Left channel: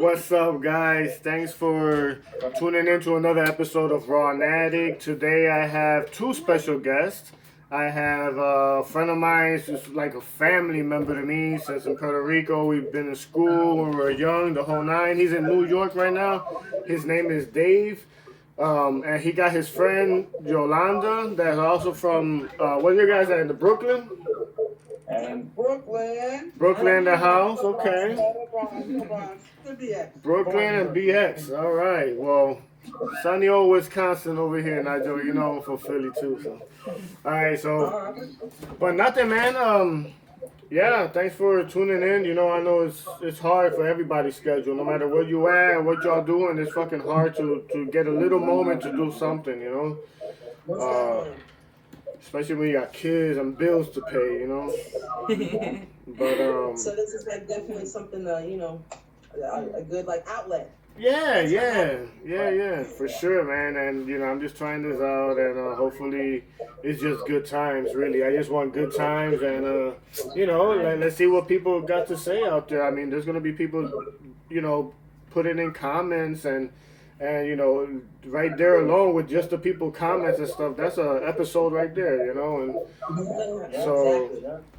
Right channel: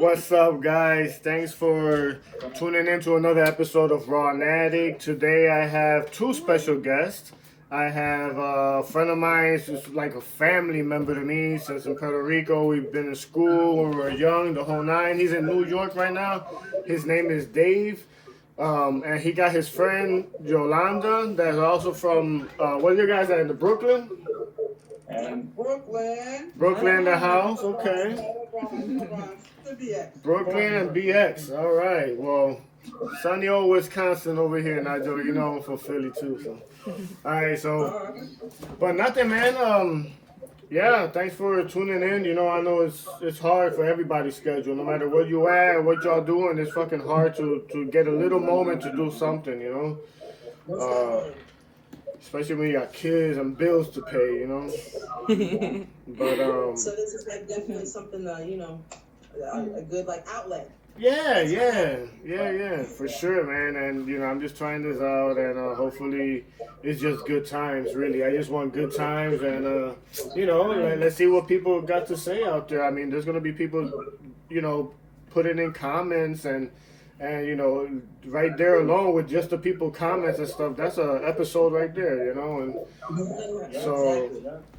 What's up, guys? Thanks for tuning in to another episode of RAW-NATIK. Today I have two special guests. I have a friend of mine who's like a family member to me since in Puerto Rico. We've been in school when we were young, the whole nine. He's in New York right now. His name is Dave. And he got his friend Yolanda that's also from, what are you guys at, in the Brooklyn? Brooklyn, the house, okay. Brooklyn and BX, all right. Well, sunny old Wisconsin over here, Nigel. You know I'm from Philly too, so. All right, so, but nothing, man. Yeah, thanks for tuning in. You know, I know it's hard for everybody's schedule. No matter where you at, what y'all doing, it's fucking hard to get a little moment to do something, you know. Especially when you got kids and bills to pay, you know. But so this is like definitely something you know, a good like outlet. Yeah, for sure, man. And you know, I'm just trying this out, and hopefully, it's just good times. Really, I just want good times, and you know, let's see what people got to say out there. I mean, there's gonna be people, you know, putting in comments and you know, right there alone with just the people comments and stuff, that's an episode right there, you know. And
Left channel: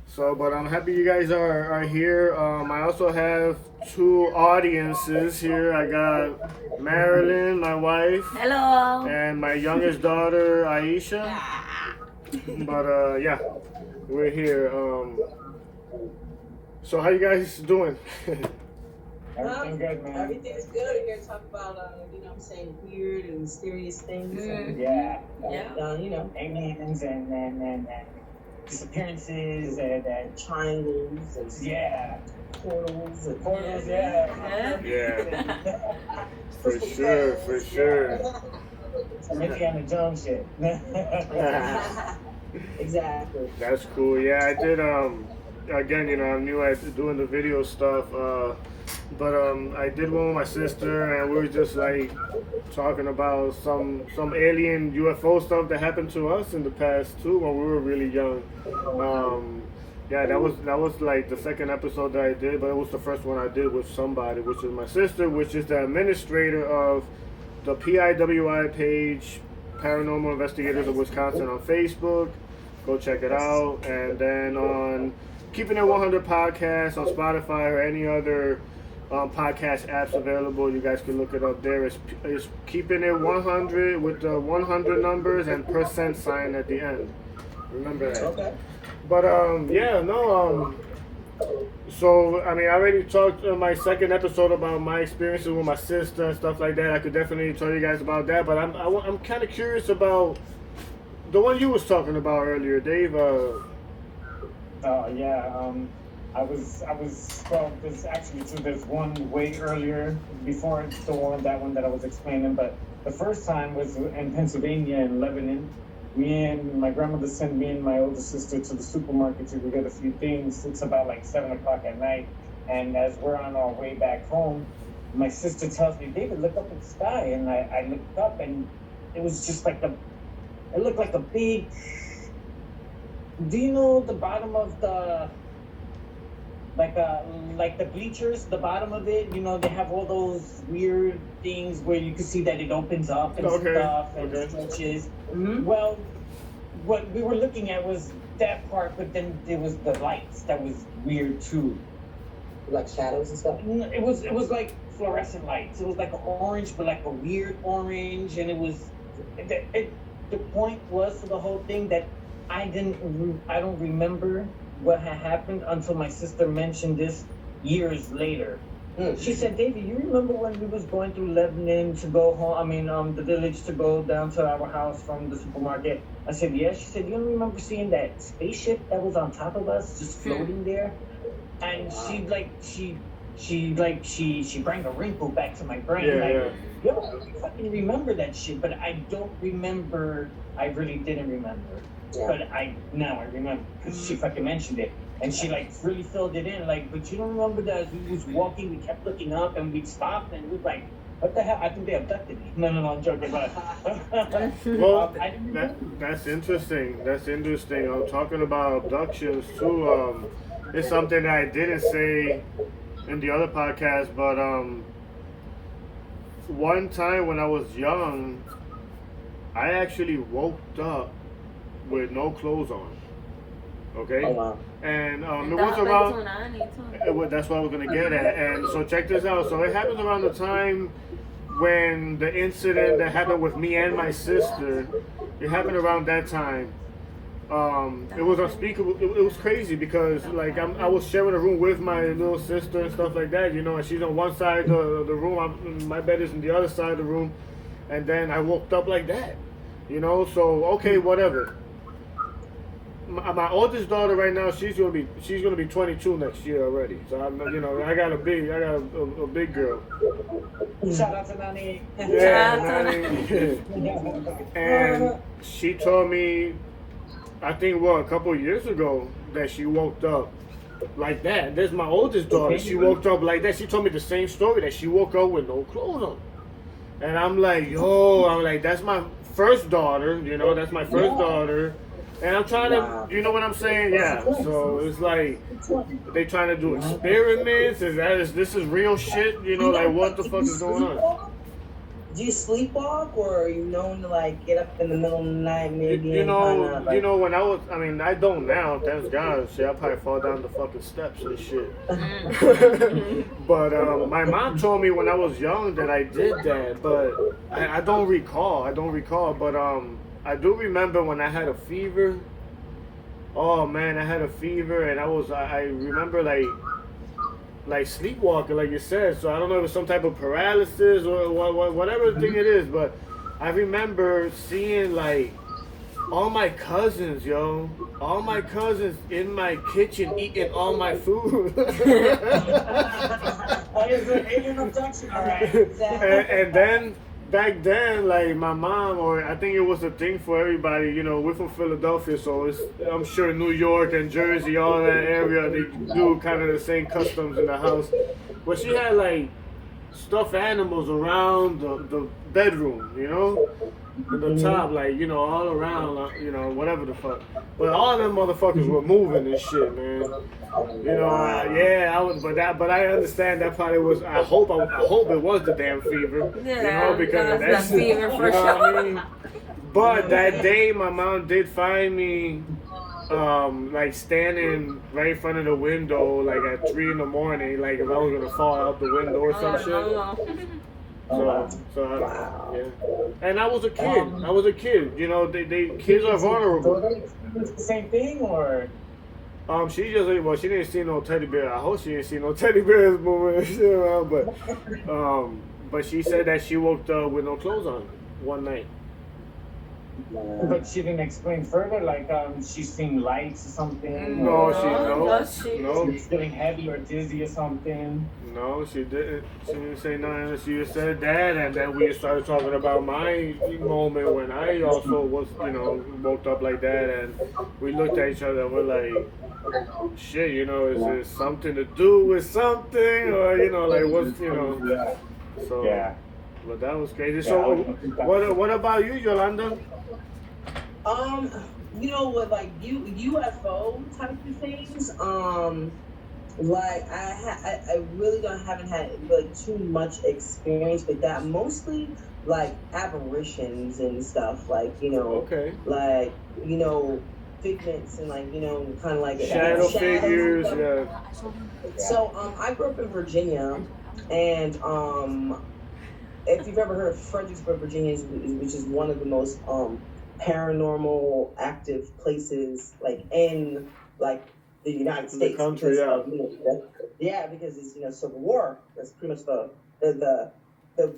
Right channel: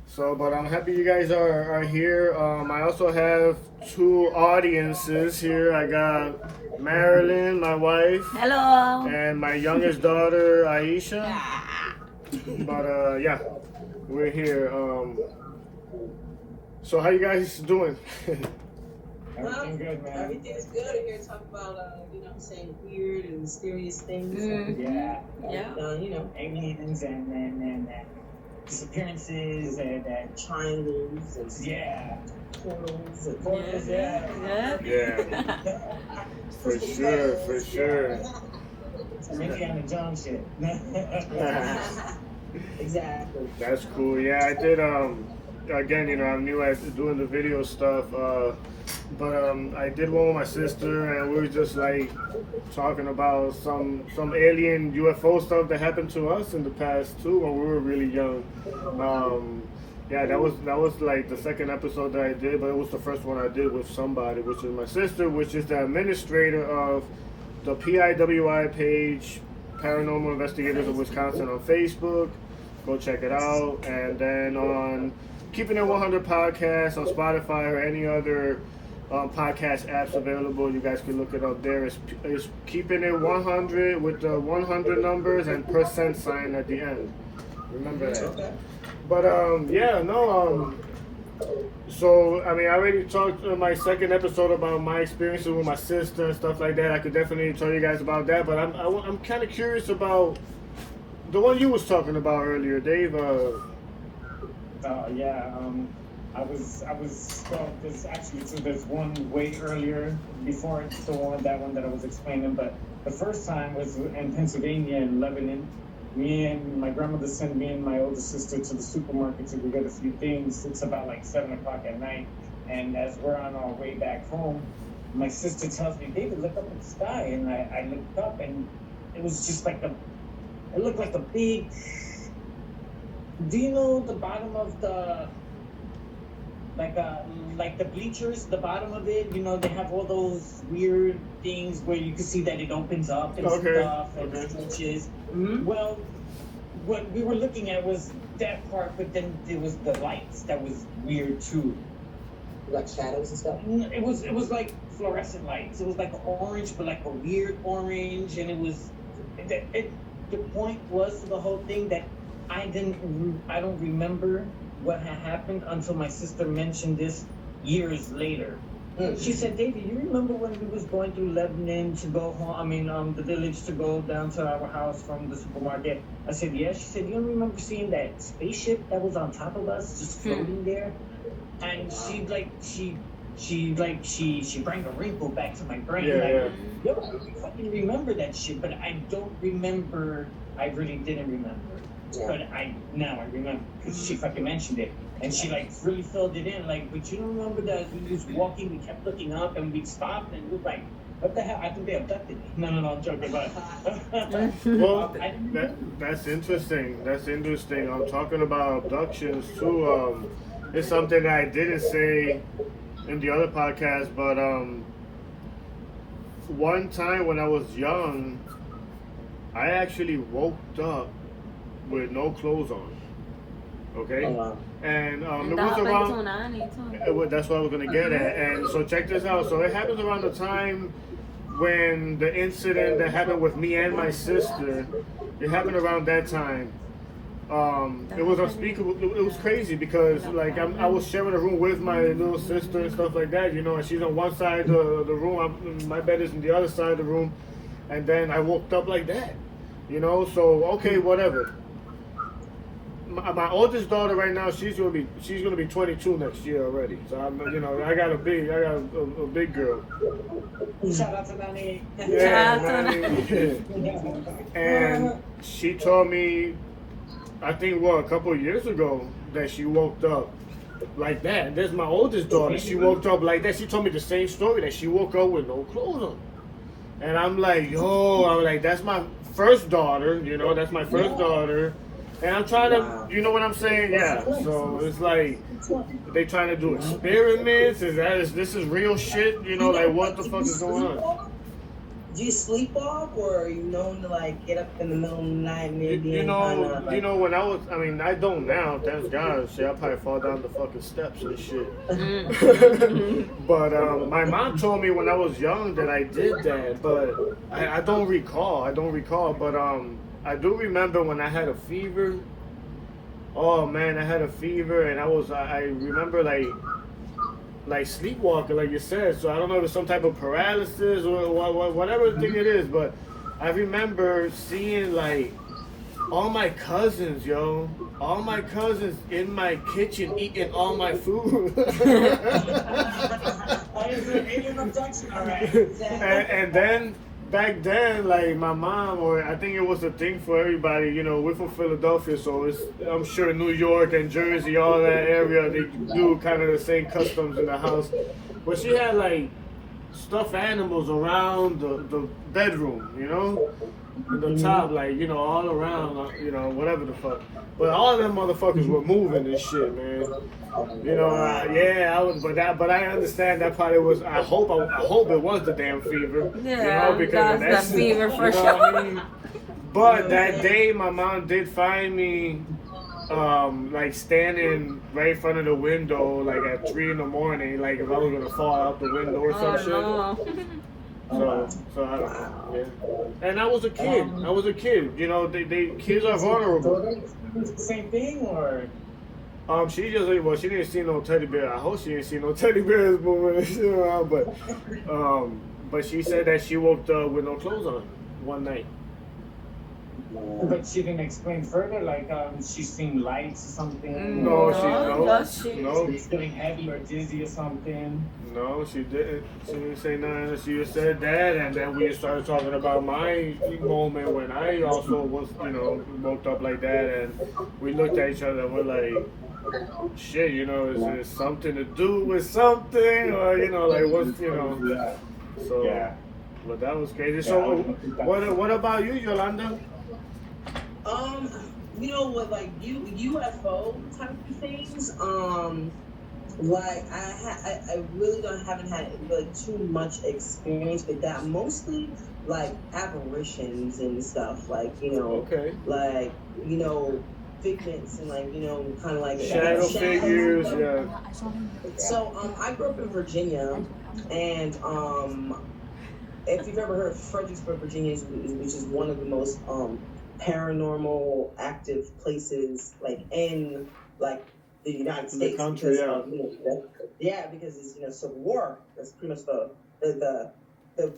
so, but I'm happy you guys are here. I also have two audiences here. I got Marilyn, my wife. Hello. And my youngest daughter, Aisha. But yeah, we're here. So how you guys doing? Everything's good, man. Everything's good. And you're talking about, you know what I'm saying, weird and mysterious things. Mm-hmm. You know, aliens and disappearances and triangles and portals. Yeah. For sure. Maybe I'm a Jones shit. Exactly. That's cool. Yeah, I did. Again, you know, I'm new at doing the video stuff. But I did one with my sister, and we were just like talking about some alien UFO stuff that happened to us in the past too when we were really young. Yeah, that was like the second episode that I did, but it was the first one I did with somebody, which is my sister, which is the administrator of the PIWI page, Paranormal Investigators of Wisconsin on Facebook. Go check it out, and then on Keeping It 100 podcast on Spotify or any other podcast apps available. You guys can look it up there. It's Keeping It 100 with the 100 numbers and % sign at the end. Remember that. Okay. But so I mean, I already talked in my second episode about my experiences with my sister and stuff like that. I could definitely tell you guys about that. But I'm kind of curious about the one you was talking about earlier, Dave. I was well, there's one way earlier before that one that I was explaining, but the first time was in Pennsylvania in Lebanon. Me and my grandmother sent me and my older sister to the supermarket to go get a few things. It's about like 7 o'clock at night, and as we're on our way back home, my sister tells me, "David, look up at the sky," and I looked up, and it was just like it looked like a big. Do you know the bottom of the like the bleachers, the bottom of it, you know, they have all those weird things where you can see that it opens up and stuff and stretches. Mm-hmm. Well, what we were looking at was that part, but then there was the lights that was weird too. Like shadows and stuff? It was like fluorescent lights. It was like orange, but like a weird orange, and it was the point was to the whole thing that I don't remember what had happened until my sister mentioned this years later. She said, "David, you remember when we was going through Lebanon to go home? I mean, the village to go down to our house from the supermarket?" I said, "Yeah." She said, "You don't remember seeing that spaceship that was on top of us, just floating there?" And she brought a wrinkle back to my brain. Yo, I fucking remember that shit, but I don't remember. I really didn't remember. Yeah. But now I remember because she fucking mentioned it, and she like really filled it in. Like, but you don't remember that as we was walking, we kept looking up, and we'd stop, and we'd like, "What the hell? I think they abducted me." No, I'm joking. But well, that's interesting. That's interesting. I'm talking about abductions too. It's something that I didn't say in the other podcast, but one time when I was young, I actually woke up with no clothes on. Okay, Oh, wow. and it was around. That's what I was gonna get at. And so check this out. So it happens around the time when the incident that happened with me and my sister. It happened around that time. It was unspeakable. It was crazy because like I was sharing a room with my little sister and stuff like that, you know, and she's on one side of the room. My bed is in the other side of the room, and then I woke up like that, you know. So okay, whatever. My oldest daughter right now, she's gonna be 22 next year already. So I got a big girl. Shout out to Nani. Yeah, Nani. And she told me, I think a couple of years ago, that she woke up like that. There's my oldest daughter. She woke up like that. She told me the same story, that she woke up with no clothes on. And I'm like, that's my first daughter. You know, that's my first daughter. And I'm trying to, you know what I'm saying? Yeah. So it's like they trying to do experiments. This is real shit? You know, like what the fuck is going on? Do you sleepwalk, or are you known to like get up in the middle of the night, maybe? You know, when I don't now, thank God. Shit, I'll probably fall down the fucking steps and shit. But my mom told me when I was young that I did that, but I don't recall. But I do remember when I had a fever. Oh man, I had a fever, and I remember like sleepwalking, like you said. So I don't know if it's some type of paralysis or whatever thing it is, but I remember seeing like all my cousins in my kitchen eating all my food. And then back then, like my mom, or I think it was a thing for everybody, you know, we're from Philadelphia, so I'm sure New York and Jersey, all of that area, they do kind of the same customs in the house. But she had like stuffed animals around the bedroom, you know, at the top, like, you know, all around, you know, whatever the fuck. But all of them motherfuckers were moving and shit, man. You know, but I understand that probably was. I hope it was the damn fever. Yeah, you know, because that's the fever for you know what I mean. But that day, my mom did find me, like standing right in front of the window, like at 3 in the morning, like if I was gonna fall out the window or some shit. So yeah. And I was a kid. You know, kids are vulnerable. The same thing, or? She didn't see no teddy bear. I hope she didn't see no teddy bears moving, you know, but she said that she woke up with no clothes on one night. But she didn't explain further, like she's seen lights or something. No, She's getting heavy or dizzy or something. No, she didn't. She didn't say nothing. She just said that, and then we started talking about my moment when I also was, you know, woke up like that, and we looked at each other and we're like, shit, you know, is there something to do with something, or you know, like what's, you know? So, yeah. But that was crazy. So, what about you, Yolanda? You know what, like UFO type of things. Like I really haven't had like too much experience with that. Mostly like apparitions and stuff. Like like figments and like kind of like shadow figures. Yeah. So I grew up in Virginia, and if you've ever heard of Fredericksburg, Virginia, which is one of the most paranormal active places like in like the United States, the country, yeah, because it's Civil War. That's pretty much the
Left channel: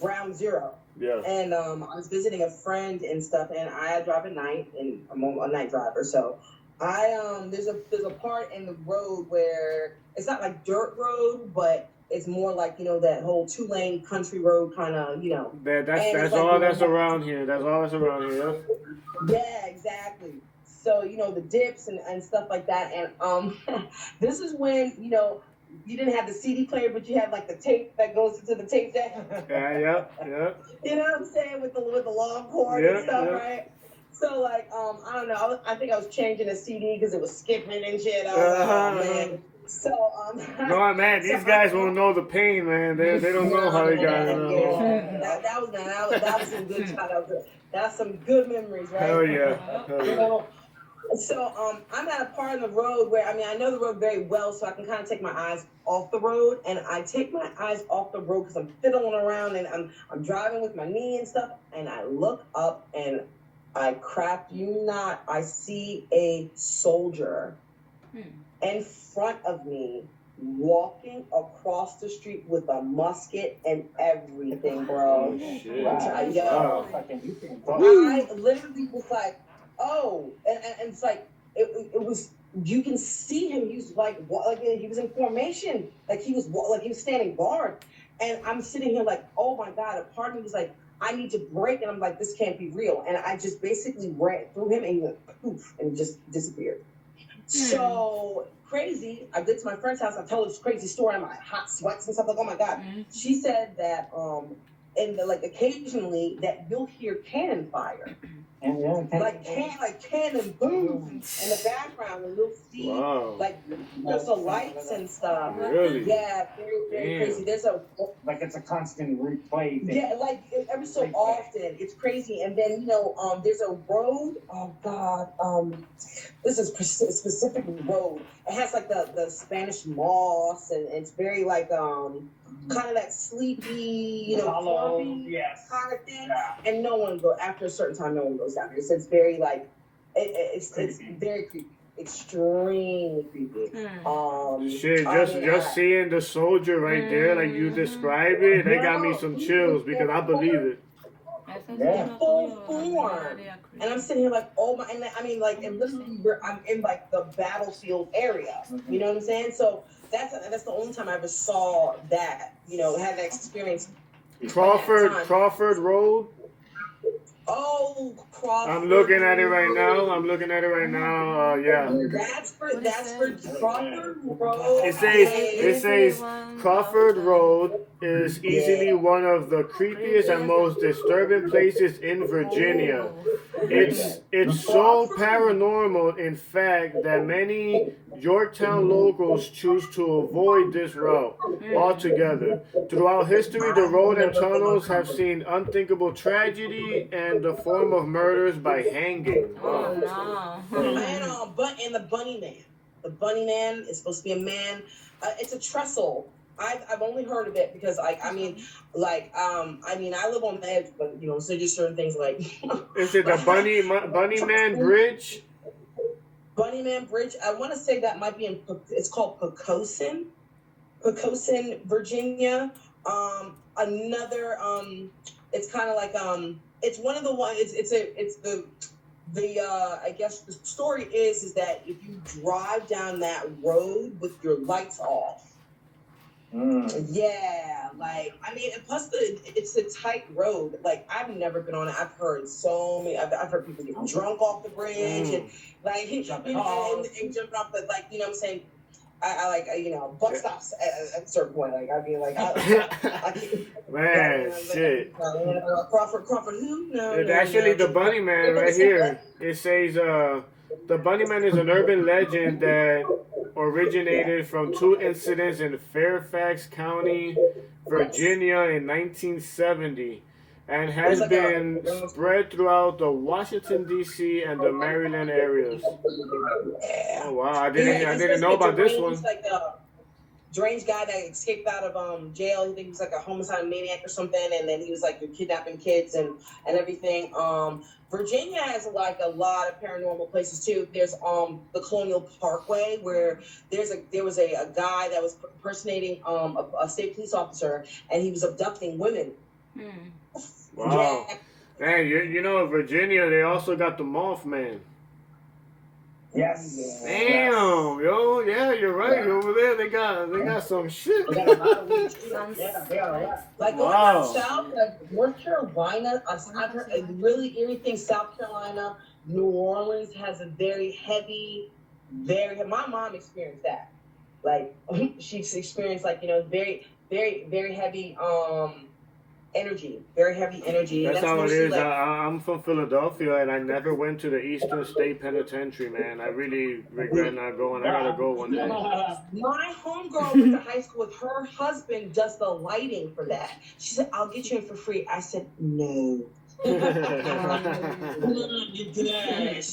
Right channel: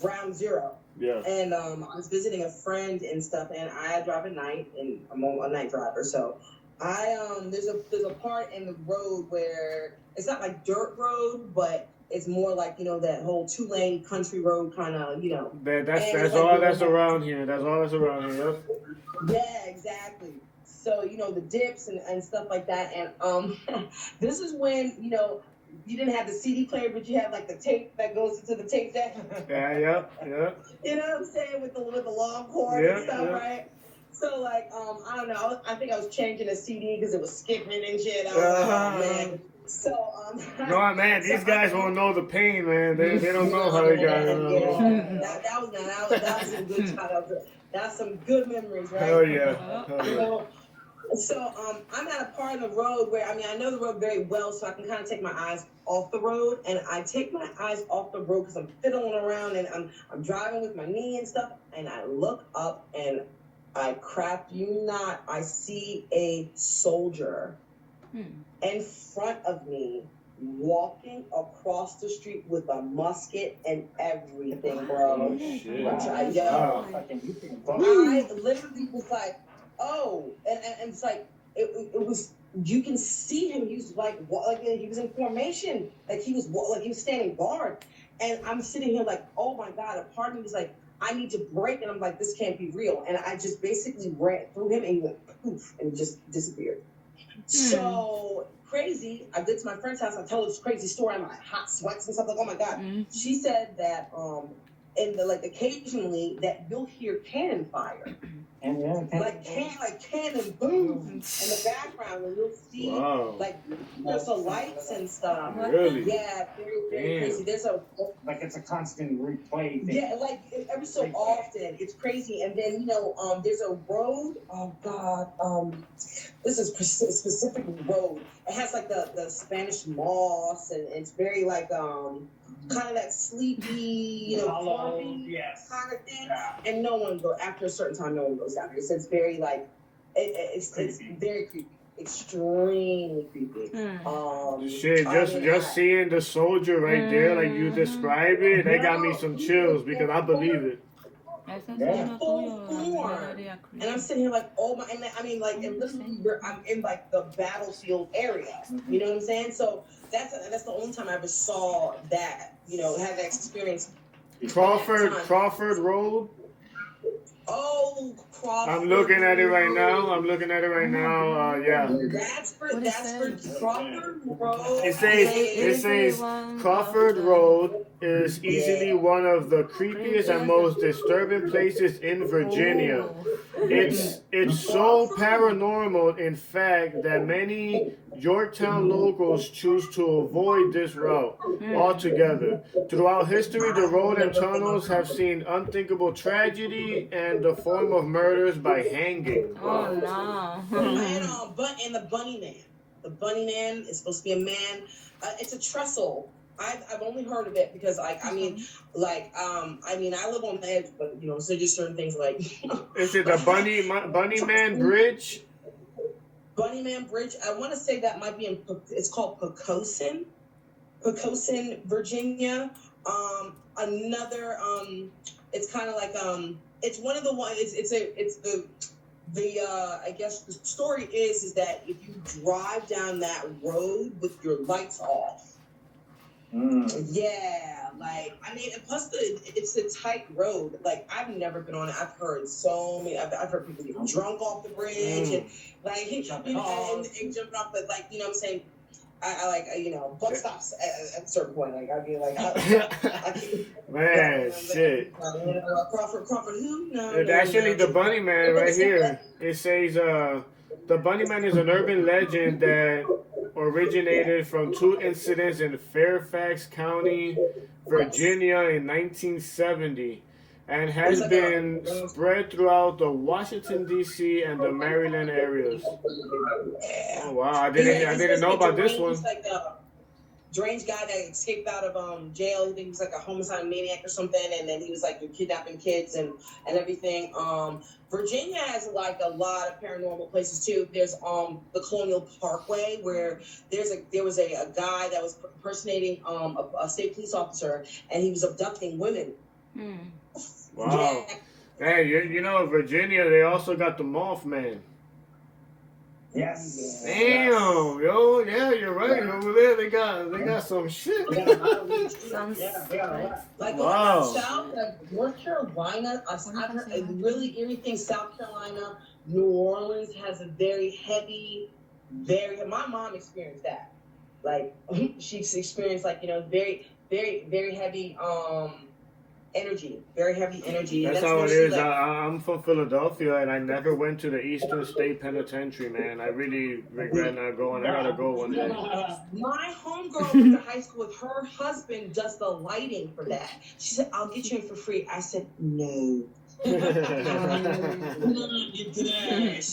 ground zero. Yeah. And I was visiting a friend and stuff, and I drive at night, and I'm a night driver, so there's a part in the road where it's not like dirt road, but it's more like that whole 2-lane country road kind of That's all that's around here. That's all that's around here. Yeah, exactly. So the dips and stuff like that, and this is when you didn't have the CD player, but you had like the tape that goes into the tape deck. Yeah. You know what I'm saying, with the long cord and stuff, right? So like I don't know, I think I was changing a CD because it was skipping and shit. I was like, oh man. So No, man, so these guys won't know the pain, man. They don't know how they got it. yeah, that was some good childhood. That's some good memories, right? Hell yeah. Hell yeah. So I'm at a part of the road where I know the road very well, so I can kind of take my eyes off the road, and I take my eyes off the road because I'm fiddling around and I'm driving with my knee and stuff, and I look up and I crap you not, I see a soldier in front of me walking across the street with a musket and everything, bro. Oh, shit. Wow. I literally was like, oh, and it's like it was. You can see him. He was like he was in formation, like he was standing guard, and I'm sitting here like, oh my god. A part of me was like, I need to break, and I'm like, this can't be real, and I just basically ran through him, and he went poof and just disappeared. So crazy. I get to my friend's house. I tell her this crazy story. I'm like hot sweats and stuff. Like, oh my god. She said that and occasionally that you'll hear cannon fire. Like cannon boom in the background, and you'll see like there's the lights and stuff. Really? Yeah, very crazy. There's like it's a constant replay thing. Yeah, like every so often, it's crazy. And then there's a road. Oh God, this is a specific road. It has like the Spanish moss, and it's very like kind of that sleepy, hollow, yes, kind of thing. Yeah. And no one goes after a certain time. No one goes down there. So it's very like it's very creepy, extremely creepy. Shit, just seeing the soldier right there, like you describe it, they got me some chills because I believe it. Full form. And I'm sitting here like, oh my, and I mean like, and literally I'm in like the battlefield area. You know what I'm saying? So that's the only time I ever saw that, had that experience. Crawford Road. Oh, Crawford. I'm looking at it right now. Yeah. That's for Crawford Road. It says Crawford Road is easily one of the creepiest and most disturbing places in Virginia. It's so paranormal, in fact, that many Yorktown locals choose to avoid this route altogether. Throughout history, the road and tunnels have seen unthinkable tragedy and the form of murders by hanging. Wow. And the Bunny Man. The Bunny Man is supposed to be a man. It's a trestle. I've only heard of it because I live on the edge, but so just certain things like. Is it the Bunny Man Bridge? Bunny Man Bridge. I want to say that might be it's called Poquoson, Virginia. Another it's kind of like it's one of the ones. It's the I guess the story is that if you drive down that road with your lights off. Yeah, like and plus it's a tight road. Like I've never been on it. I've heard so many. I've heard people get drunk off the bridge and like and jumping off, but like what I'm saying. I like buck stops at a certain point. Like I'd be like, man, shit. Crawford who? No, actually the Bunny Man right here. It says the Bunny Man is an urban legend that originated from two incidents in Fairfax County, Virginia in 1970 and has been spread throughout the Washington, D.C. and the Maryland areas. Oh, wow. I didn't know about this one. Like a deranged guy that escaped out of jail. I think he was like a homicide maniac or something, and then he was like kidnapping kids and everything. Virginia has like a lot of paranormal places too. There's the Colonial Parkway where there was a guy that was impersonating a state police officer, and he was abducting women. Wow. Man, Virginia, they also got the Mothman. Yes. Damn, yo, yeah, you're right. Over there, they got some shit. Like south, like North Carolina, I've heard really everything. South Carolina, New Orleans has a very heavy. My mom experienced that. Like she's experienced very, very, very heavy. energy, very heavy energy. That's And how it mostly, is. like, I'm from Philadelphia, and I never went to the Eastern State Penitentiary, man. I really regret not going. I gotta go one day. my homegirl went to high school with her husband, does the lighting for that. She said, "I'll get you in for free." I said, "No." She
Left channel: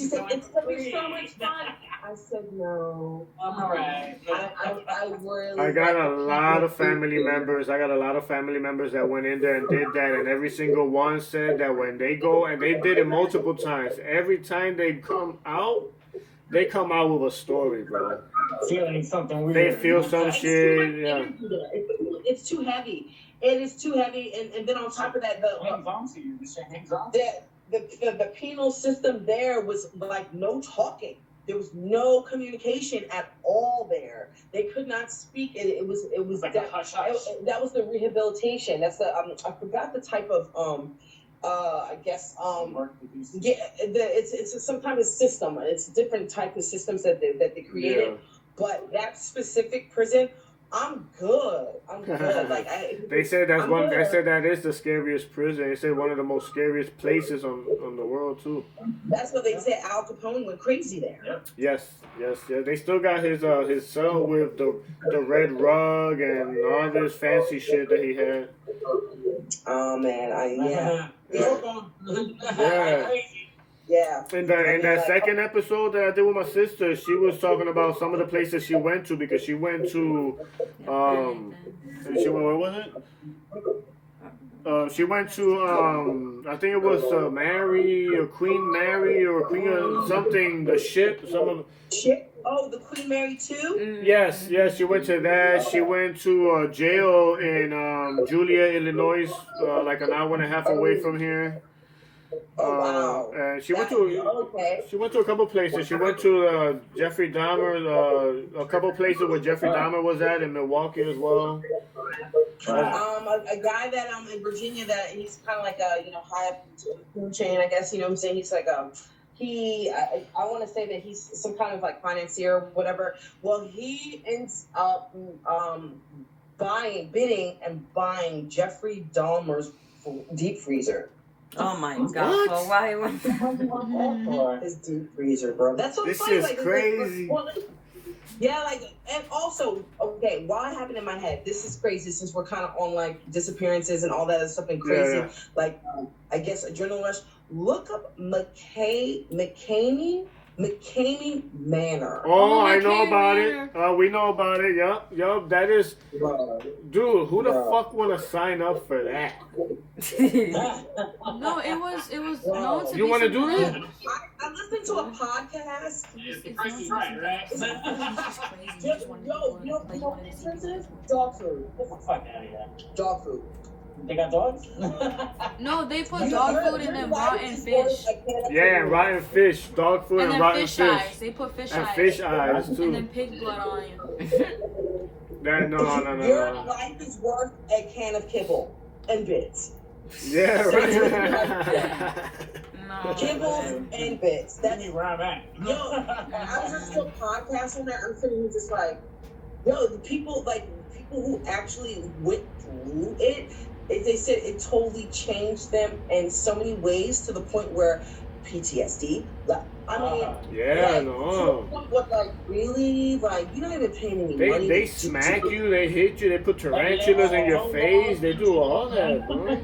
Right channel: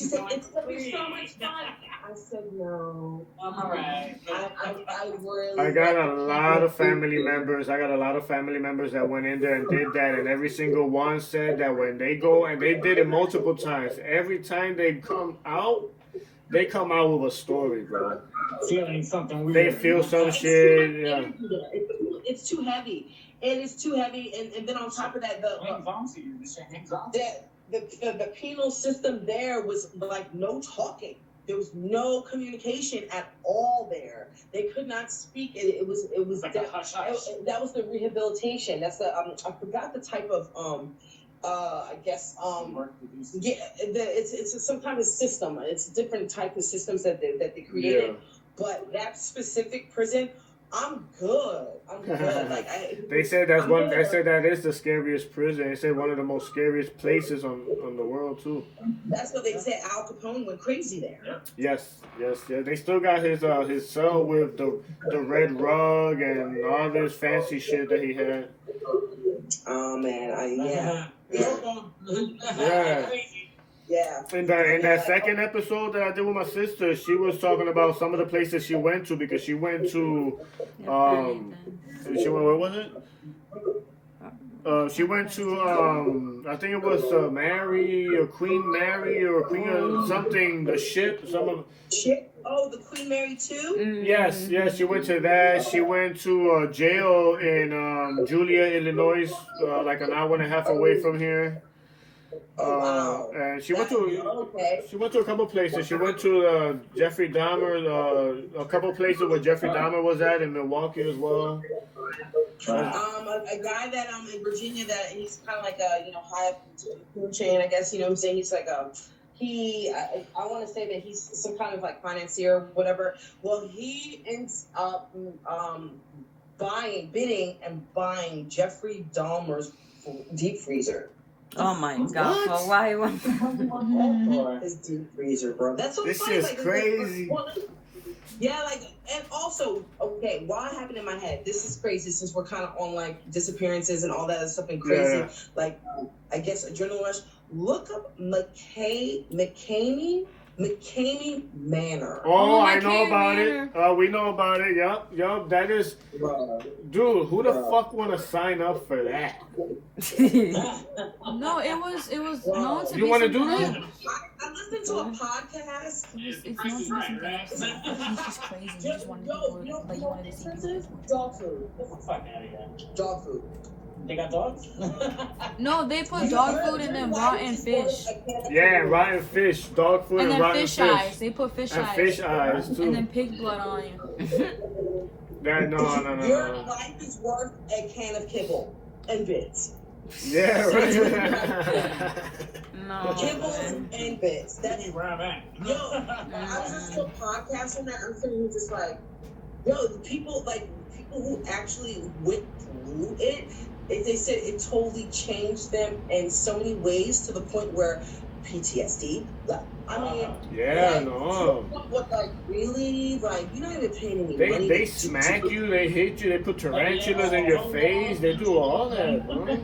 said, "It's gonna be so much fun." I said, "No." Alright. I really. I got like a the lot of people family who- members. I got a lot of family members that went in there and did that, and every single one said that when they go, and they did it multiple times. Every time they come out with a story, bro. Feeling something weird. They feel some It's too shit. much Yeah. energy there. It's too heavy. It is too heavy, and then on top of that, Hangs on to you. This shit hangs on to you. the penal system there was like no talking. There was no communication at all there. They could not speak. It was Like a hush hush. that was the rehabilitation. That's the I forgot the type of I guess yeah, it's some kind of system. It's a different type of systems that they created. Yeah. But that specific prison, I'm good. I'm good. Like They said that's I'm one. They good. said that is the scariest prison. They said one of the most scariest places on the world too. That's what they said. Al Capone went crazy there. Yes. They still got his cell with the red rug and all this fancy shit that he had. Oh man, yeah. Yeah. Yeah. In that second episode that I did with my sister, she was talking about some of the places she went to, because she went to where was it? She went to I think it was Mary or Queen Mary or Queen or something, the ship, some of Shit. Oh, the Queen Mary too? Yes, she went to that. She went to jail in Julia, Illinois, like an hour and a half away from here. Oh, wow. And she went to a couple places. She went to Jeffrey Dahmer, a couple places where Jeffrey Dahmer was at in Milwaukee as well. A guy that in Virginia that he's kind of like a high up the food chain, I guess. You know what I'm saying? He's like I want to say that he's some kind of like financier or whatever. Well, he ends up bidding and buying Jeffrey Dahmer's deep freezer. Oh my god! What? So why you want His deep freezer, bro. That's so This funny. is like, crazy. Yeah, like, and also, okay, why happened in my head? This is crazy since we're kind of on like disappearances and all that other stuff and crazy. Yeah. Like, I guess adrenaline rush. Look up McCamey Manor. Oh, I know about it. We know about it. Yup. That is, dude. Who the fuck want to sign up for that? No, it was known to You be want to some do kind that? I listened to a podcast. It's known to be some kind of- it's just crazy. You just want to Yo, expensive dog food. Fuck out of here. Dog food. They got dogs? No, they put dog food and then rotten fish. Yeah, rotten fish, dog food, and then rotten fish fish. eyes. They put fish And eyes. fish eyes And then too. pig blood on you. Your No. life is worth a can of kibble and bits. Yeah, right. No. Kibbles and bits. That's Where I'm at. yo. I was just to a podcast on that. I'm sitting here just like, yo, the people who actually went through it. They said it totally changed them in so many ways to the point where PTSD. Like, I mean, Yeah, like, no. What, like, really? Like, you're not even paying any money. They smack you, they hit you, they put tarantulas in your face, they do all that, bro.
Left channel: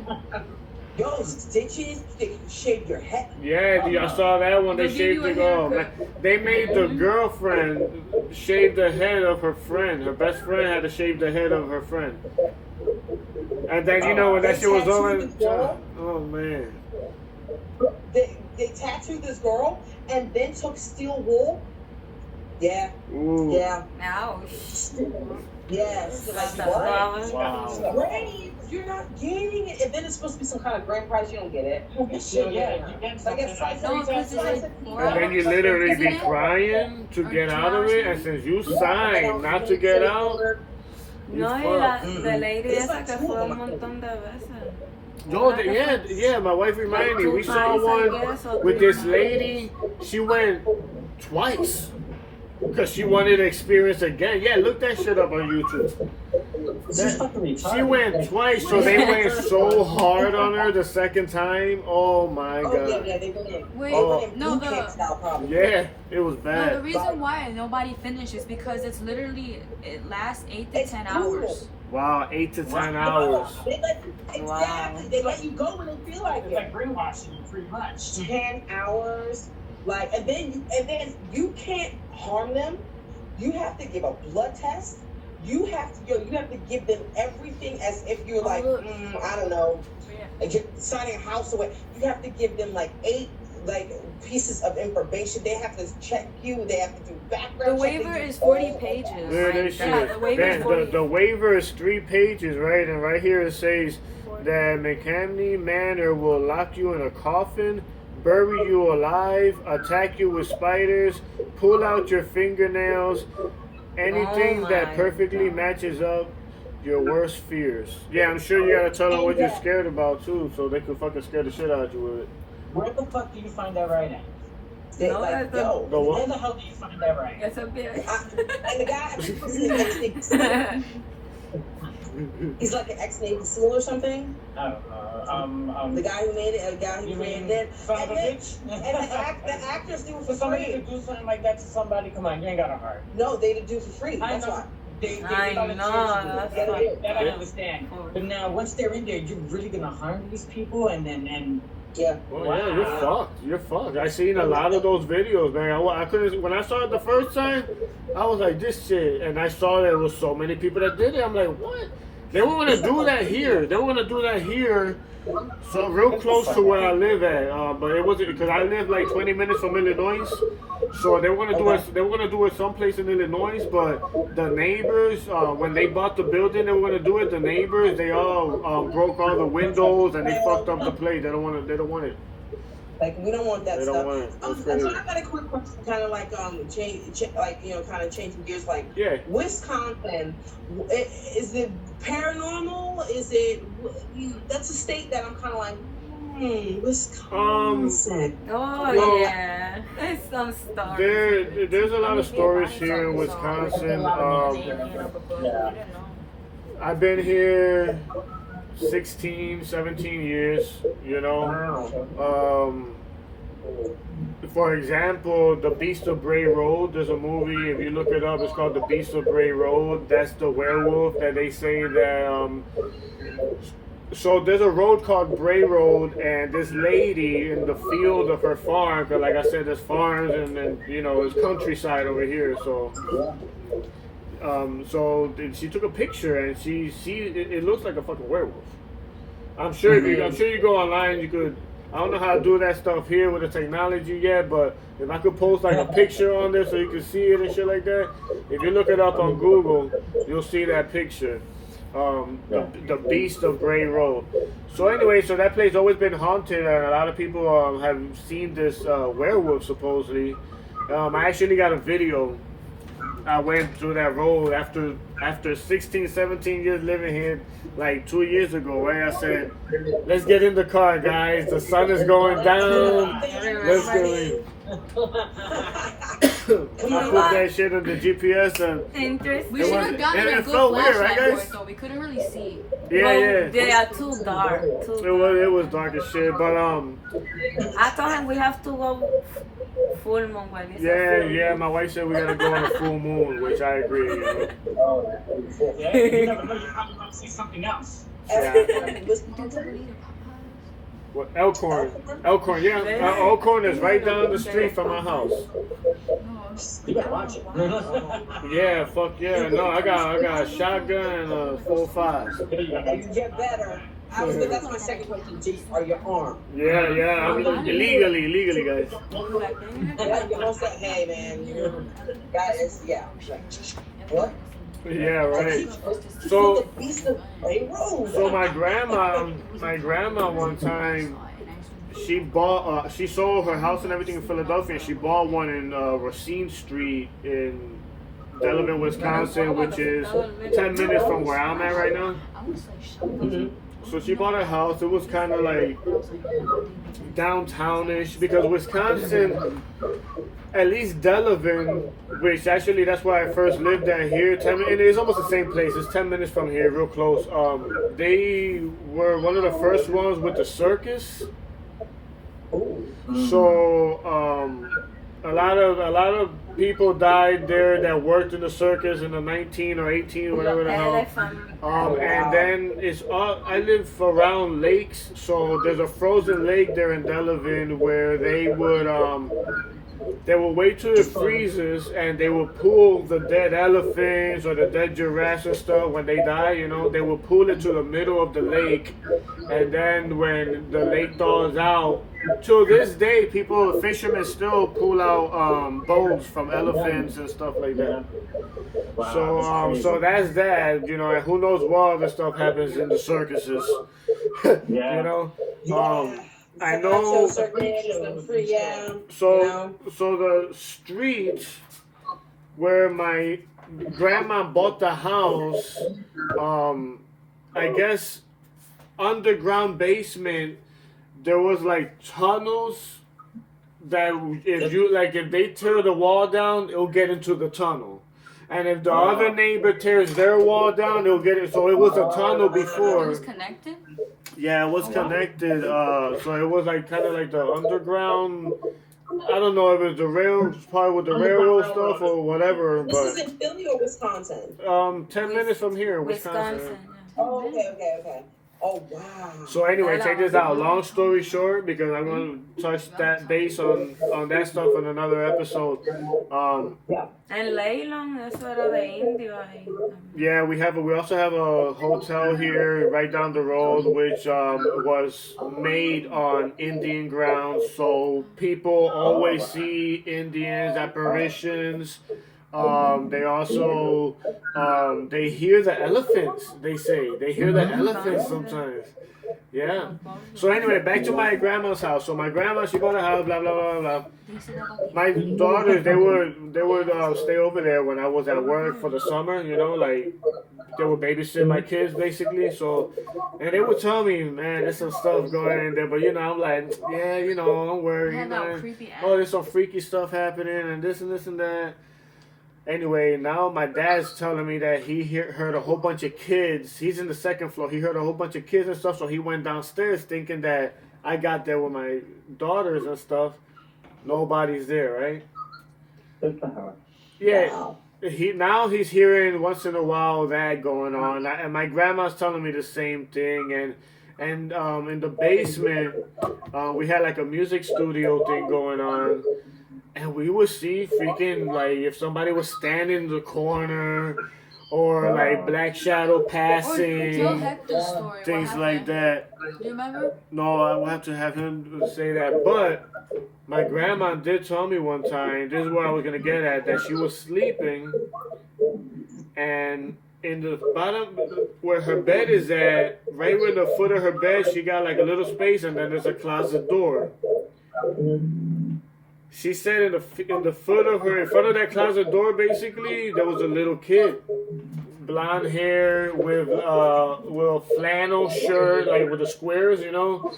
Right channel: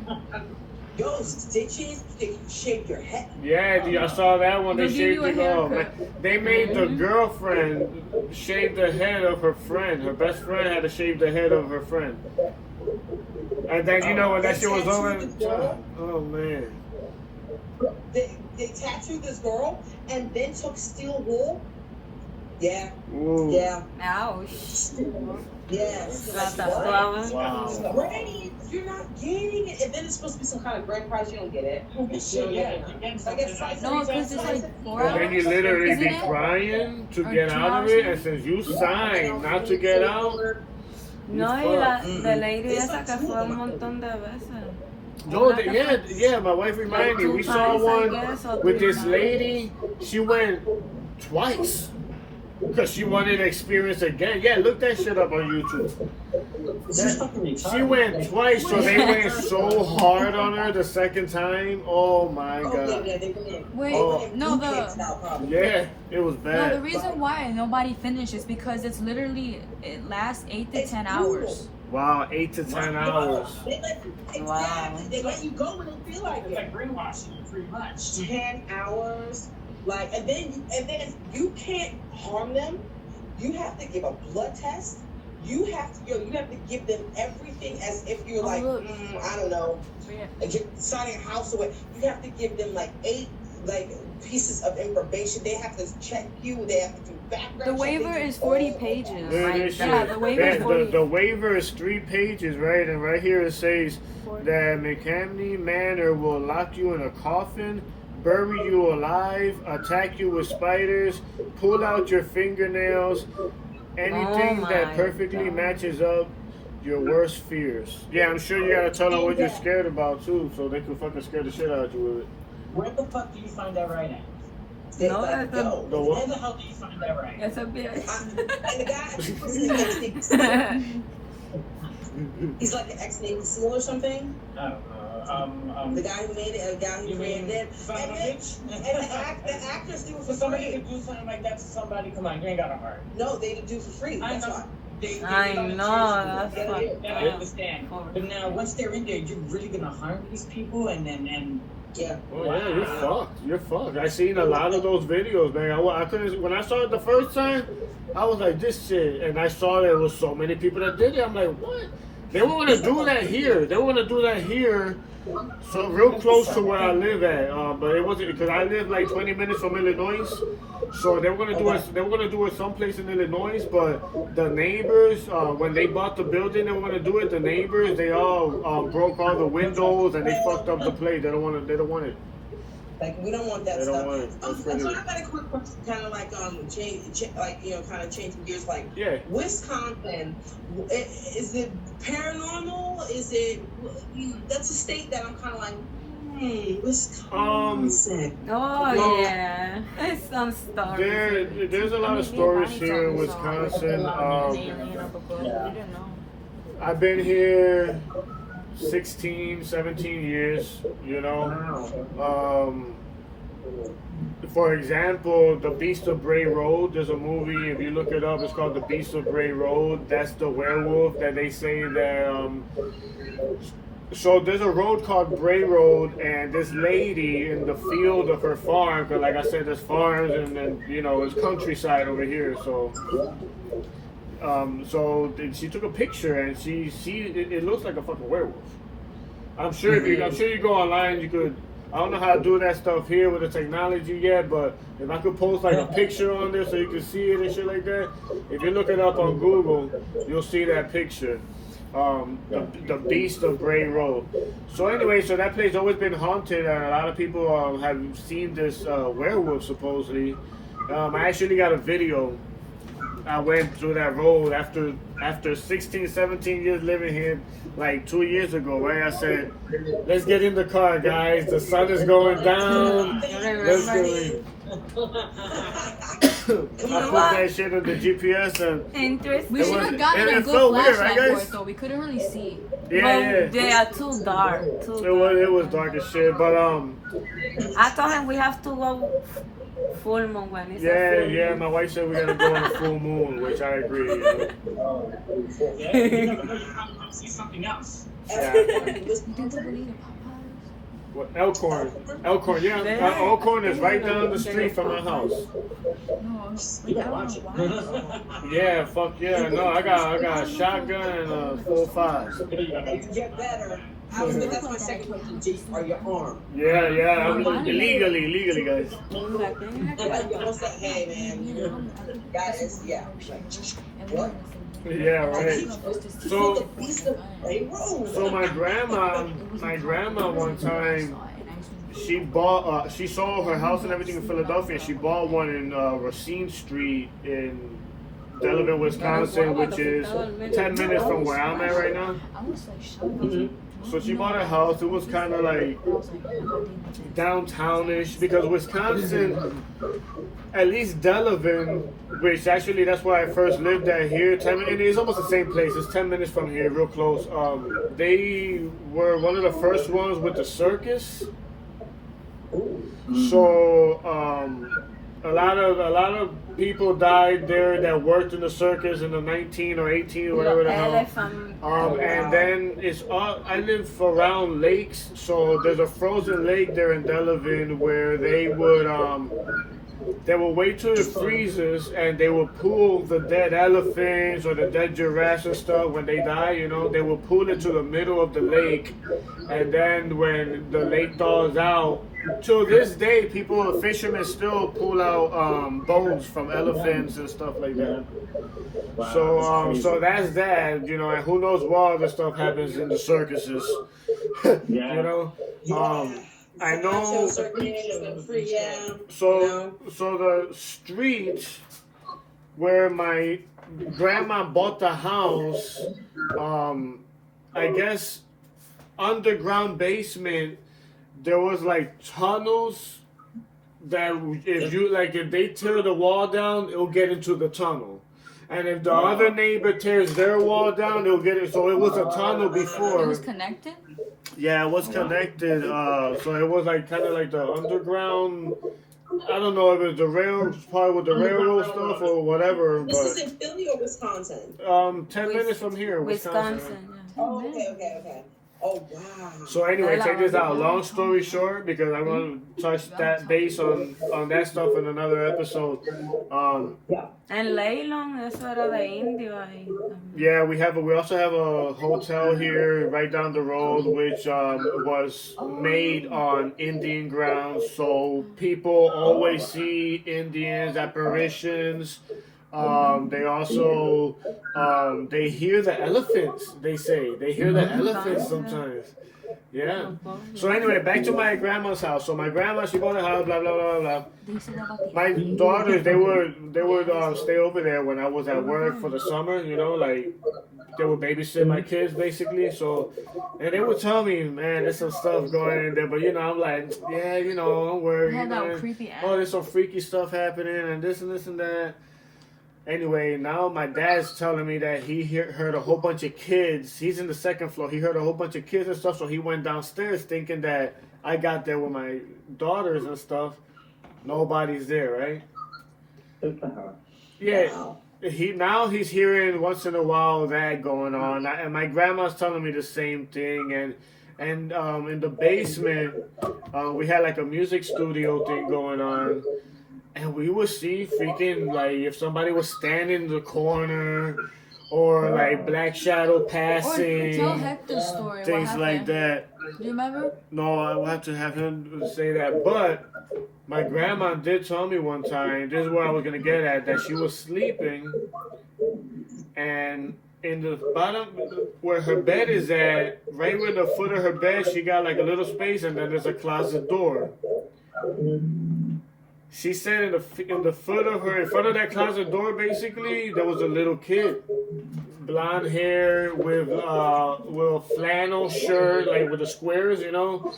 Yo, stitches, they shave your head. Yeah, I saw that one. They shaved the girl. They made the girlfriend shave the head of her friend. Her best friend had to shave the head of her friend. And then when that shit was over, oh man. They tattooed this girl and then took steel wool. Yeah. Ooh. Yeah. Ouch. Yes. Like, Wow. Wow. Right? You're not getting it. And then it's supposed to be some kind of grand prize. You don't get it. You don't Yeah, get you it. get So I guess something. No, because it's like And then you literally be crying to get out of it, and since you signed not to get out, No, y la lady It's esa like que two fue of un them. montón de veces. no, yeah, my wife reminded me. We saw one with this lady. She went twice because she wanted to experience again. Yeah, look that shit up on YouTube. She's fucking retarded. She went twice, so they went so hard on her the second time. Oh my Oh, god. yeah, they went. Wait, Oh. no, Style, probably. Yeah, it was no, the bad. reason why nobody finished is because it's literally, it lasts 8 to It's 10 brutal. hours. Wow, 8 to 10 hours. They let, exactly. They let you go when they feel like It's it. like brainwashing you pretty much. 10 hours. Like, and then you can't harm them. You have to give a blood test. You have to give them everything as if you're like, I don't know, like you're signing a house away. You have to give them like 8 pieces of information. They have to check you. They have to do The background check. waiver They do is 40 all of pages. that. Look at this Yeah, shit. the waiver is Man, 40. the waiver is 3 pages, right? And right here it says that McCamney Manor will lock you in a coffin, bury you alive, attack you with spiders, pull out your fingernails, anything Oh that my perfectly God. matches up your worst fears. Yeah, I'm sure you gotta tell them what you're scared about too, so they can fucking scare the shit out of you with it. Where the fuck do you find that right at? They No, like, that's yo. The what? Where the hell do you find that right? It's a bit. And the guy, he's like an ex-Navy SEAL or something. I don't know. The guy who made it, the guy who You mean created it. son of a bitch? And the actors do it For for somebody to free. do something like that to somebody, come on, you ain't got a heart. No, they do it for free. I That's know. why. I know, that's That I understand. But now, once they're in there, you're really gonna harm these people, and Yeah. Oh yeah, you're fucked. You're fucked. I seen a lot of those videos, man. I couldn't. When I saw it the first time, I was like, this shit. And I saw there was so many people that did it. I'm like, what? They were gonna do that here. They were gonna do that here, so real close to where I live at. But it wasn't because I live like 20 minutes from Illinois. So they were gonna do it. They were gonna do it someplace in Illinois. But the neighbors, when they bought the building, they were gonna do it. The neighbors, they all broke all the windows and they fucked up the place. They don't want it. They don't want it. Like we don't want that They don't stuff. want it. That's So crazy. I got a quick question, kind of like kind of changing gears. Like Yeah. Wisconsin, is it paranormal? Is it? That's a state that I'm kind of like, Wisconsin. Oh, Well, yeah. It's some stories. There's a lot of stories here in Wisconsin. I've been here 16, 17 years, you know. For example, The Beast of Bray Road, there's a movie, if you look it up, it's called The Beast of Bray Road. That's the werewolf that they say that, so there's a road called Bray Road, and this lady in the field of her farm, because like I said, there's farms and then, you know, it's countryside over here, so she took a picture and it looks like a fucking werewolf. I'm sure you go online, you could. I don't know how to do that stuff here with the technology yet, but if I could post like a picture on there so you can see it and shit like that, if you look it up on Google, you'll see that picture. The Beast of Bray Road. So anyway, so that place always been haunted, and a lot of people have seen this werewolf supposedly. I actually got a video. I went through that road after 16, 17 years living here, like 2 years ago, right? I said, let's get in the car, guys. The sun is going down. Let's go in. I put that shit on the GPS and Interesting. We should was- have gotten and a it good felt weird, right, flashlight guys? for it, so we couldn't really see. yeah. They are too dark. It was dark as shit, but I told him we have to go full moon when it's yeah. My wife said we gotta go on a full moon, which I agree. You know? yeah, you never know, you're probably gonna see something else. What, Elkhorn, yeah. Elkhorn is right down the street from my house. You better watch it. Yeah, fuck yeah. No, I got a shotgun and a 4.5. You get better. That's my second question. Are you armed? Yeah. I mean, illegally, guys. Like your host said, hey man, you know, guys, yeah. What? Yeah, right. So So my grandma one time, she sold her house and everything in Philadelphia, and she bought one in Racine Street in Delaware, Wisconsin, which is 10 minutes from where I'm at right now. So she bought a house. It was kind of like downtownish because Wisconsin, at least Delavan, which actually that's where I first lived at here. And it's almost the same place. It's 10 minutes from here, real close. They were one of the first ones with the circus. So a lot of people died there that worked in the circus in the 19 or 18 or whatever the hell. And then it's all, I live around lakes, so there's a frozen lake there in Delavan where they would wait till it freezes and they would pull the dead elephants or the dead giraffes and stuff when they die, you know, they would pull it to the middle of the lake, and then when the lake thaws out, to this day, fishermen still pull out bones from elephants and stuff like that. Wow, so that's that, you know, and who knows what other stuff happens in the circuses, you know. I know. So the street where my grandma bought the house, I guess underground basement, there was like tunnels that if they tear the wall down, it'll get into the tunnel. And if the other neighbor tears their wall down, it'll get it. So it was a tunnel before. It was connected? Yeah, it was connected. So it was like kind of like the underground. I don't know if it's the rail part with the railroad stuff or whatever. This is in Philly or Wisconsin? 10 minutes from here, Wisconsin. Oh, okay. Oh, wow. So anyway, check this out. Long story short, because I want to touch that base on that stuff in another episode. En Leylon, eso era de indio ahí. Yeah, we also have a hotel here right down the road, which was made on Indian grounds. So people always see Indians, apparitions. They also they hear the elephants. They say they hear the elephants sometimes. Yeah. So anyway, back to my grandma's house. So my grandma, she bought a house. Blah blah blah blah. My daughters, they would stay over there when I was at work for the summer. You know, like they would babysit my kids basically. So, and they would tell me, man, there's some stuff going in there. But you know, I'm like, yeah, you know, don't worry. You know, oh, there's some freaky stuff happening and this and this and that. Anyway, now my dad's telling me that he heard a whole bunch of kids. He's in the second floor. He heard a whole bunch of kids and stuff, so he went downstairs thinking that I got there with my daughters and stuff. Nobody's there, right? Yeah. He's hearing once in a while that going on, and my grandma's telling me the same thing. And in the basement, we had like a music studio thing going on. And we would see freaking, like, if somebody was standing in the corner or, like, black shadow passing, things like that. Do you remember? No, I will have to have him say that. But my grandma did tell me one time, this is what I was going to get at, that she was sleeping. And in the bottom, where her bed is at, right where the foot of her bed, she got, like, a little space, and then there's a closet door. She said in the foot of her, in front of that closet door, basically, there was a little kid, blonde hair with a flannel shirt, like with the squares, you know,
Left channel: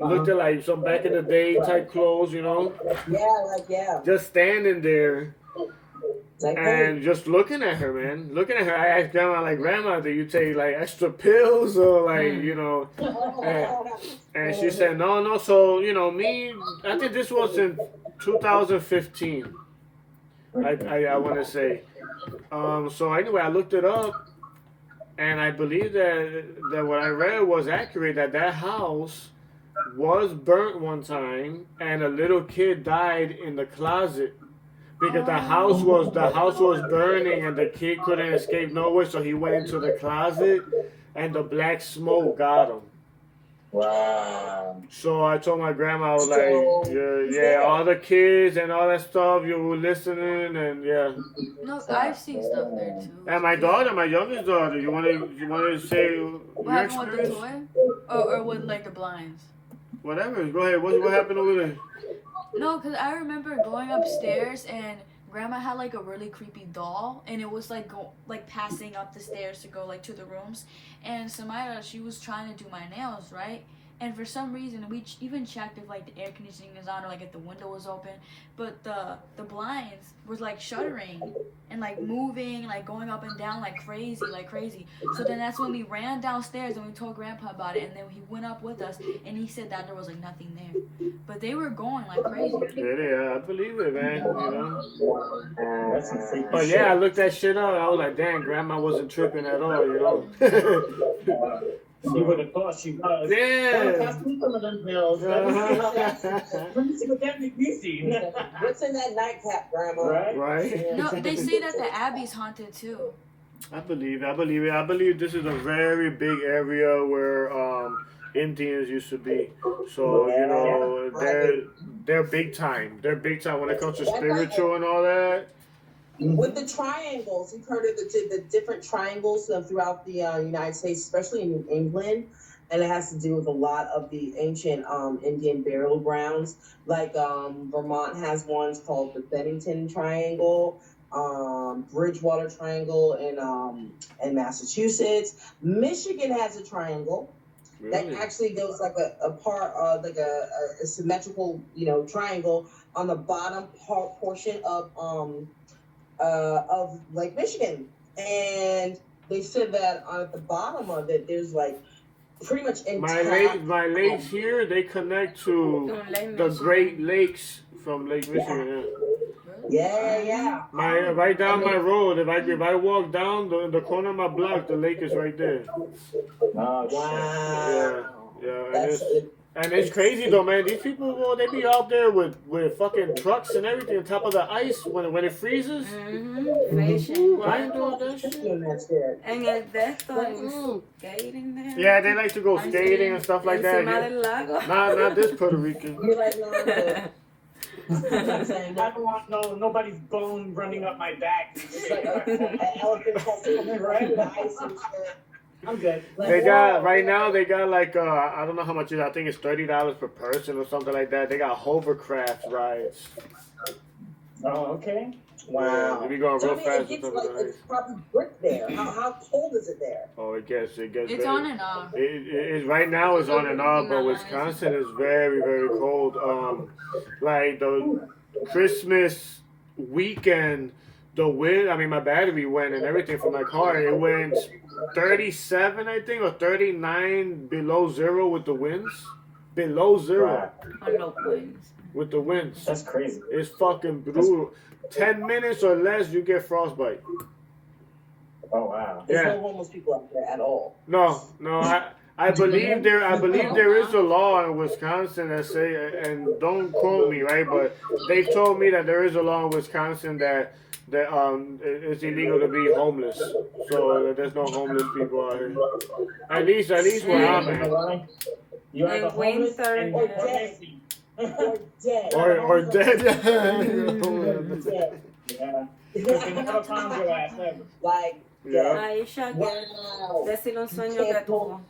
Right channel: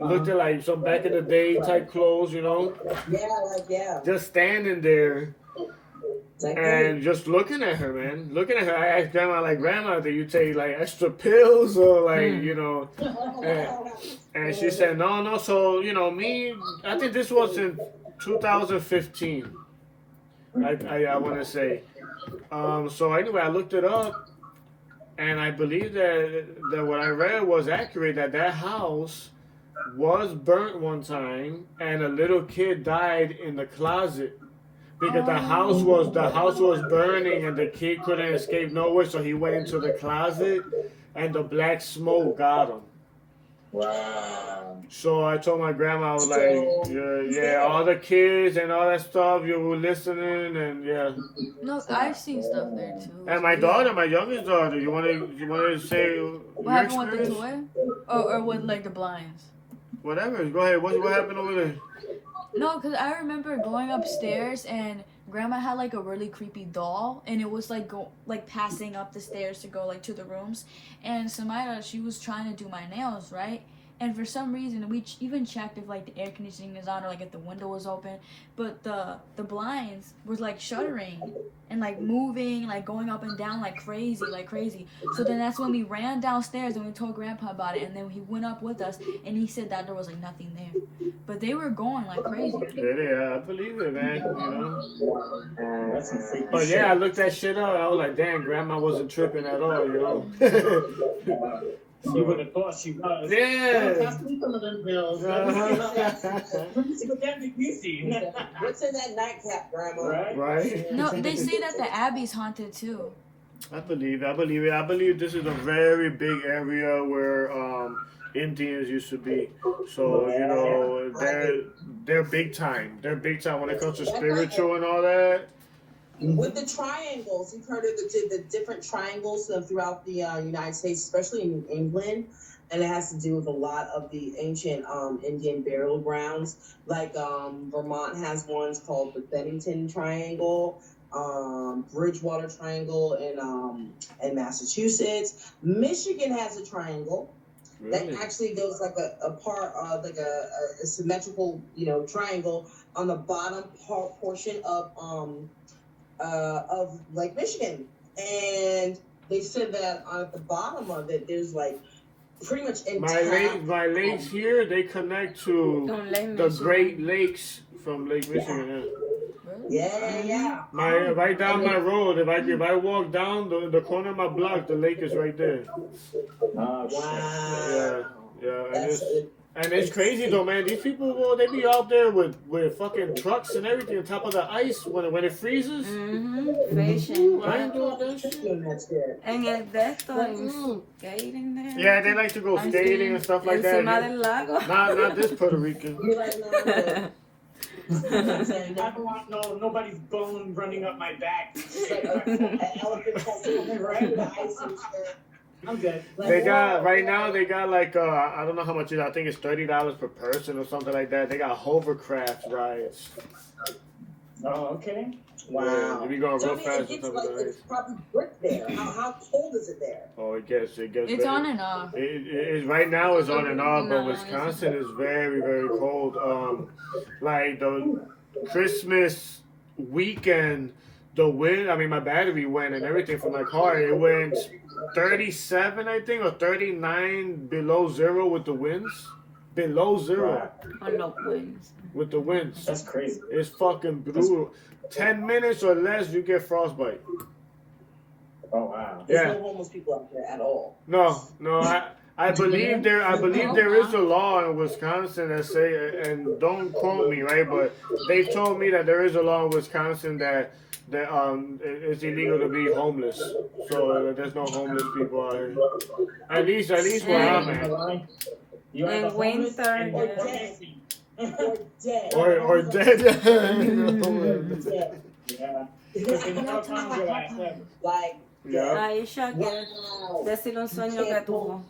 looked at like some back in the day type clothes, you know. Yeah. Just standing there. And just looking at her, man. Looking at her, I asked Grandma, like, Grandma, do you take, like, extra pills or, like, you know? And she said, no. So, you know, I think this was in 2015, I want to say. So, anyway, I looked it up, and I believe that what I read was accurate, that house was burnt one time, and a little kid died in the closet. Because the house was burning and the kid couldn't escape nowhere, so he went into the closet, and the black smoke got him. Wow. So I told my grandma, I was like, yeah, all the kids and all that stuff, you were listening, and yeah. No, I've seen stuff there too. And my daughter, my youngest daughter, you want to say your experience? Or with like the blinds? Whatever. Go ahead. What happened over there? No, because I remember going upstairs and Grandma had like a really creepy doll, and it was like passing up the stairs to go like to the rooms. And Samaya, she was trying to do my nails, right? And for some reason, we even checked if like the air conditioning is on or like if the window was open, but the blinds were like shuttering and like moving, like going up and down like crazy, like crazy. So then that's when we ran downstairs and we told Grandpa about it, and then he went up with us and he said that there was like nothing there, but they were going like crazy. Yeah, I believe it, man. You know. That's some freaky But shit. yeah, I looked that shit up. I was like, damn, Grandma wasn't tripping at all, you know. You would have thought she was. Yeah. Some of them pills. What's in that nightcap, Grandma? Right. No, they say that the Abbey's haunted too. I believe it. I believe this is a very big area where Indians used to be. So, you know, they're big time. They're big time when it comes to spiritual and all that. With the triangles, you've heard of the different triangles throughout the United States, especially in England, and it has to do with a lot of the ancient Indian burial grounds. Like Vermont has ones called the Bennington Triangle, Bridgewater Triangle in Massachusetts. Michigan has a triangle. Really? That actually goes like a part, like a symmetrical, triangle on the bottom portion of Lake Michigan, and they said that at the bottom of it, there's like pretty much intact. My lakes here, they connect to the Great Lakes from Lake Michigan. Yeah. Right down my road. If I walk down the corner of my block, the lake is right there. Oh, Wow. Yeah. And it's crazy though, man. These people, well, they be out there with fucking trucks and everything on top of the ice when it freezes. Fishing. I ain't doing that shit. And if that's skating there. Yeah, they like to go skating and stuff like that. Yeah. Not this Puerto Rican. You're like, no. I don't want nobody's bone running up my back. An elephant has right? I'm good. They got like I don't know how much it is. I think it's $30 per person or something like that. They got hovercraft rides. Oh, okay. Wow. If you going real fast, It's probably brick there. How cold is it there? Oh, it gets. It's very, on and off. It right now it's on and off, but Wisconsin is very, very cold. Like the Christmas weekend, the wind. I mean, my battery went and everything from my car. It went 37, I think, or 39 below zero with the winds. Below zero. With the winds. That's crazy. It's fucking brutal. 10 minutes or less, you get frostbite. Oh wow. There's no homeless people out there at all. No. I believe there is a law in Wisconsin that say, and don't quote me, right? But they've told me that there is a law in Wisconsin that it's illegal to be homeless. So there's no homeless people out here. At least where I'm at. You're In the homeless winter, and Or you're dead. empty. Or dead. Or dead. Dead. Yeah. Because they never found your ass ever. Like, Yeah. Aisha, decir un sueño que tuvo.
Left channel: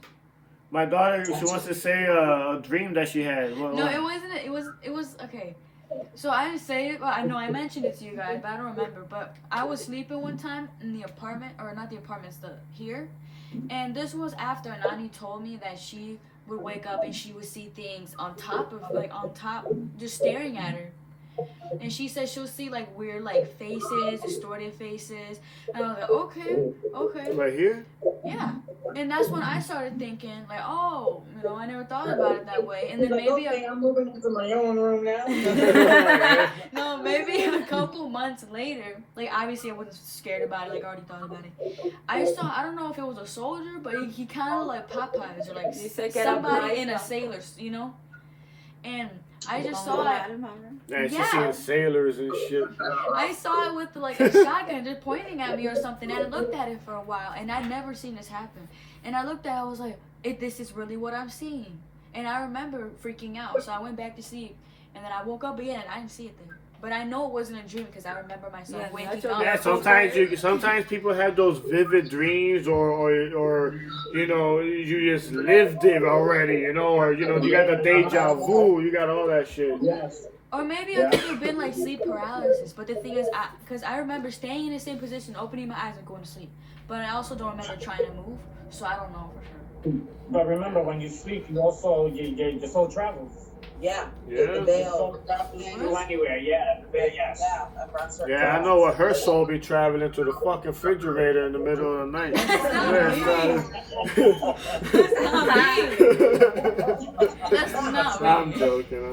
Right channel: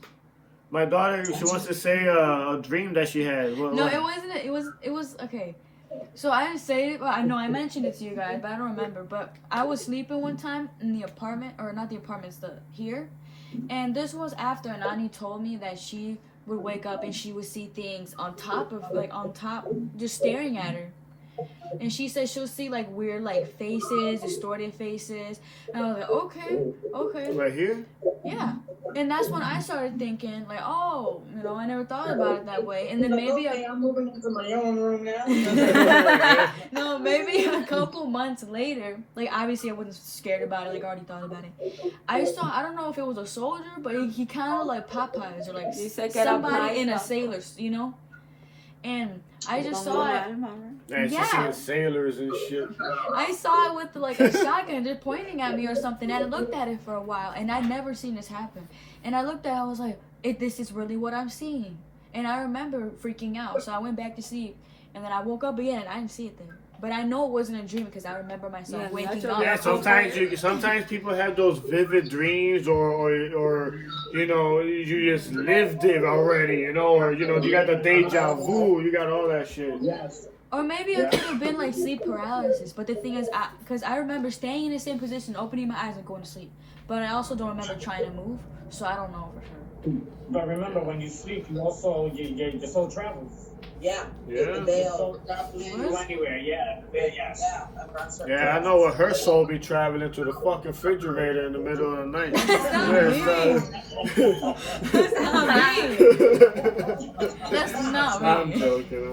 My daughter, she wants to say a dream that she had. No, it wasn't. It was okay. So I didn't say it, but I know I mentioned it to you guys, but I don't remember. But I was sleeping one time in the apartment, or not the apartment, it's here. And this was after Nani told me that she would wake up and she would see things on top, just staring at her. And she said she'll see like weird like faces, distorted faces. And I was like, okay. Right here? Yeah. And that's when I started thinking, like, oh, I never thought about it that way. And then maybe I'm moving into my own room now. no, maybe a couple months later, like obviously I wasn't scared about it, like I already thought about it. I don't know if it was a soldier, but he kind of like Popeyes or like somebody in a sailor's, And I just saw it. Yeah, she's seeing sailors and shit. I saw it with like a shotgun just pointing at me or something. And I looked at it for a while, and I'd never seen this happen. And I looked at it, I was like, this is really what I'm seeing. And I remember freaking out, so I went back to sleep. And then I woke up again, and I didn't see it then. But I know it wasn't a dream because I remember myself waking up. Yeah, sometimes people have those vivid dreams, or you just lived it already, or you got the deja vu, you got all that shit. Yes. Or maybe it could have been like sleep paralysis. But the thing is, because I remember staying in the same position, opening my eyes and going to sleep. But I also don't remember trying to move, so I don't know for sure. But remember, when you sleep, you also your soul travels. Yeah. Yeah. They Your soul travels to anywhere. Yeah. Yes. Yeah, I know what her soul be traveling to the fucking refrigerator in the middle of the night. That's not I'm right. joking.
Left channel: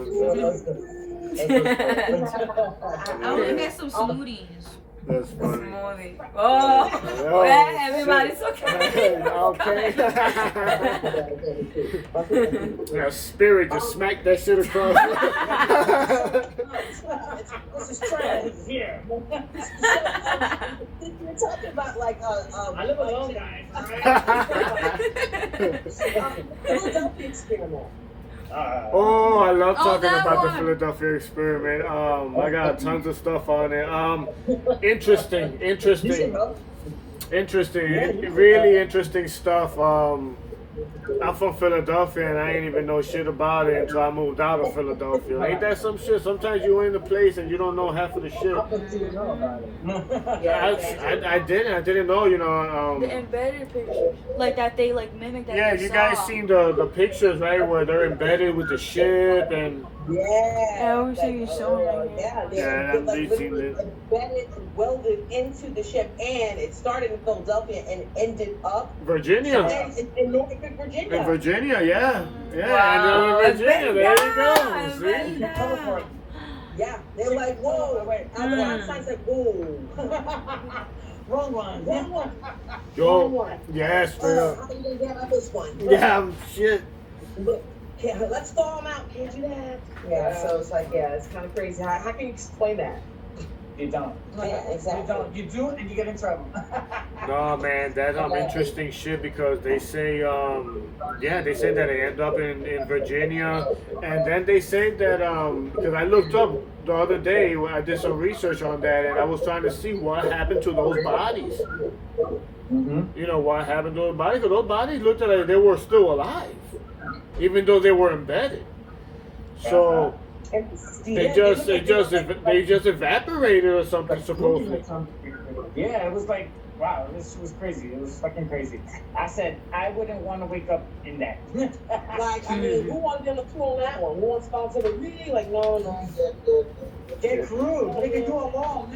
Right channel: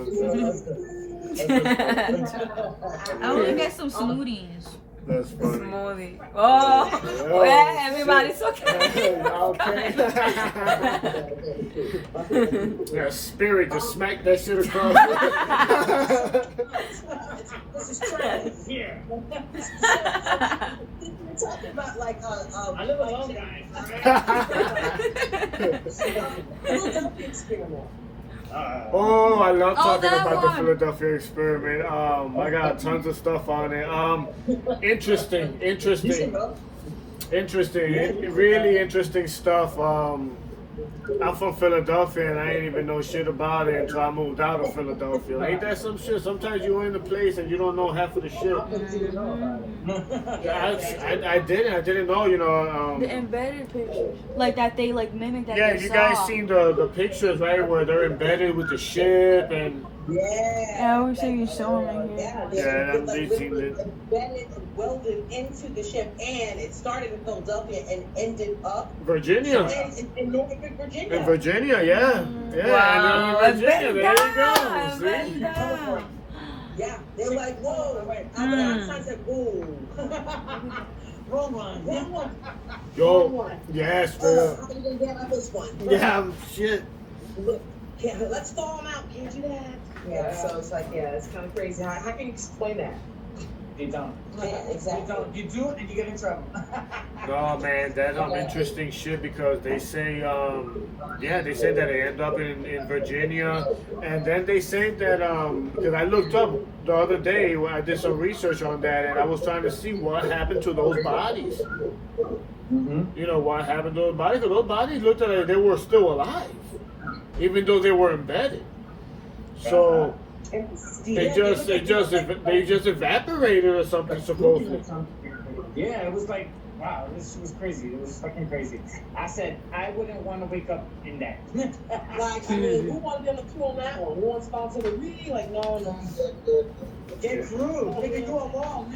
I'm gonna get some smoothies. That's funny. Smoothie. Oh, yeah, everybody's okay. Okay. Yeah, spirit just smacked that shit across. This is trash. Here. We're talking about like I live alone, guys. Philadelphia experiment. Oh, I love talking that about the one. Philadelphia experiment. I got tons of stuff on it. Interesting. Really interesting stuff. I'm from Philadelphia and I didn't even know shit about it until I moved out of Philadelphia. Ain't that some shit? Sometimes you're in a place and you don't know half of the shit. I didn't know, you know. The embedded pictures, like that they like mimic that. Yeah, they you guys saw. seen the pictures, right, where they're embedded with the ship and Yeah. I wish I could show them. Yeah, Yeah, they they've seen it. embedded and welded into the ship, and it started in Philadelphia and ended up Virginia. in Norfolk, Virginia. In Virginia, yeah. And then in Virginia, there you go. See? Yeah, they're like, whoa. Einstein's like, whoa. Wrong one. Wrong one. Yo, yeah, straight up. How are you gonna get out this one? Yeah, shit. Let's thaw them out. Can't do that. Yeah, so it's like, yeah, it's kind of crazy. How can you explain that? You don't. Yeah, exactly. You don't. You do it and you get in trouble. No, man, that's interesting shit because they say, they said that it ended up in Virginia, and then they say that, because I looked up the other day, I did some research on that, and I was trying to see what happened to those bodies. Mm-hmm. You know, what happened to those bodies? Because those bodies looked like they were still alive, even though they were embedded. So. They just evaporated or something supposedly. Yeah, it was like, wow, this was crazy. It was fucking crazy. I said I wouldn't want to wake up in that. Like, I mean, who wanted them to pull on that one? Who wants responsibility? Like, no. Get crude. They can do it wrong,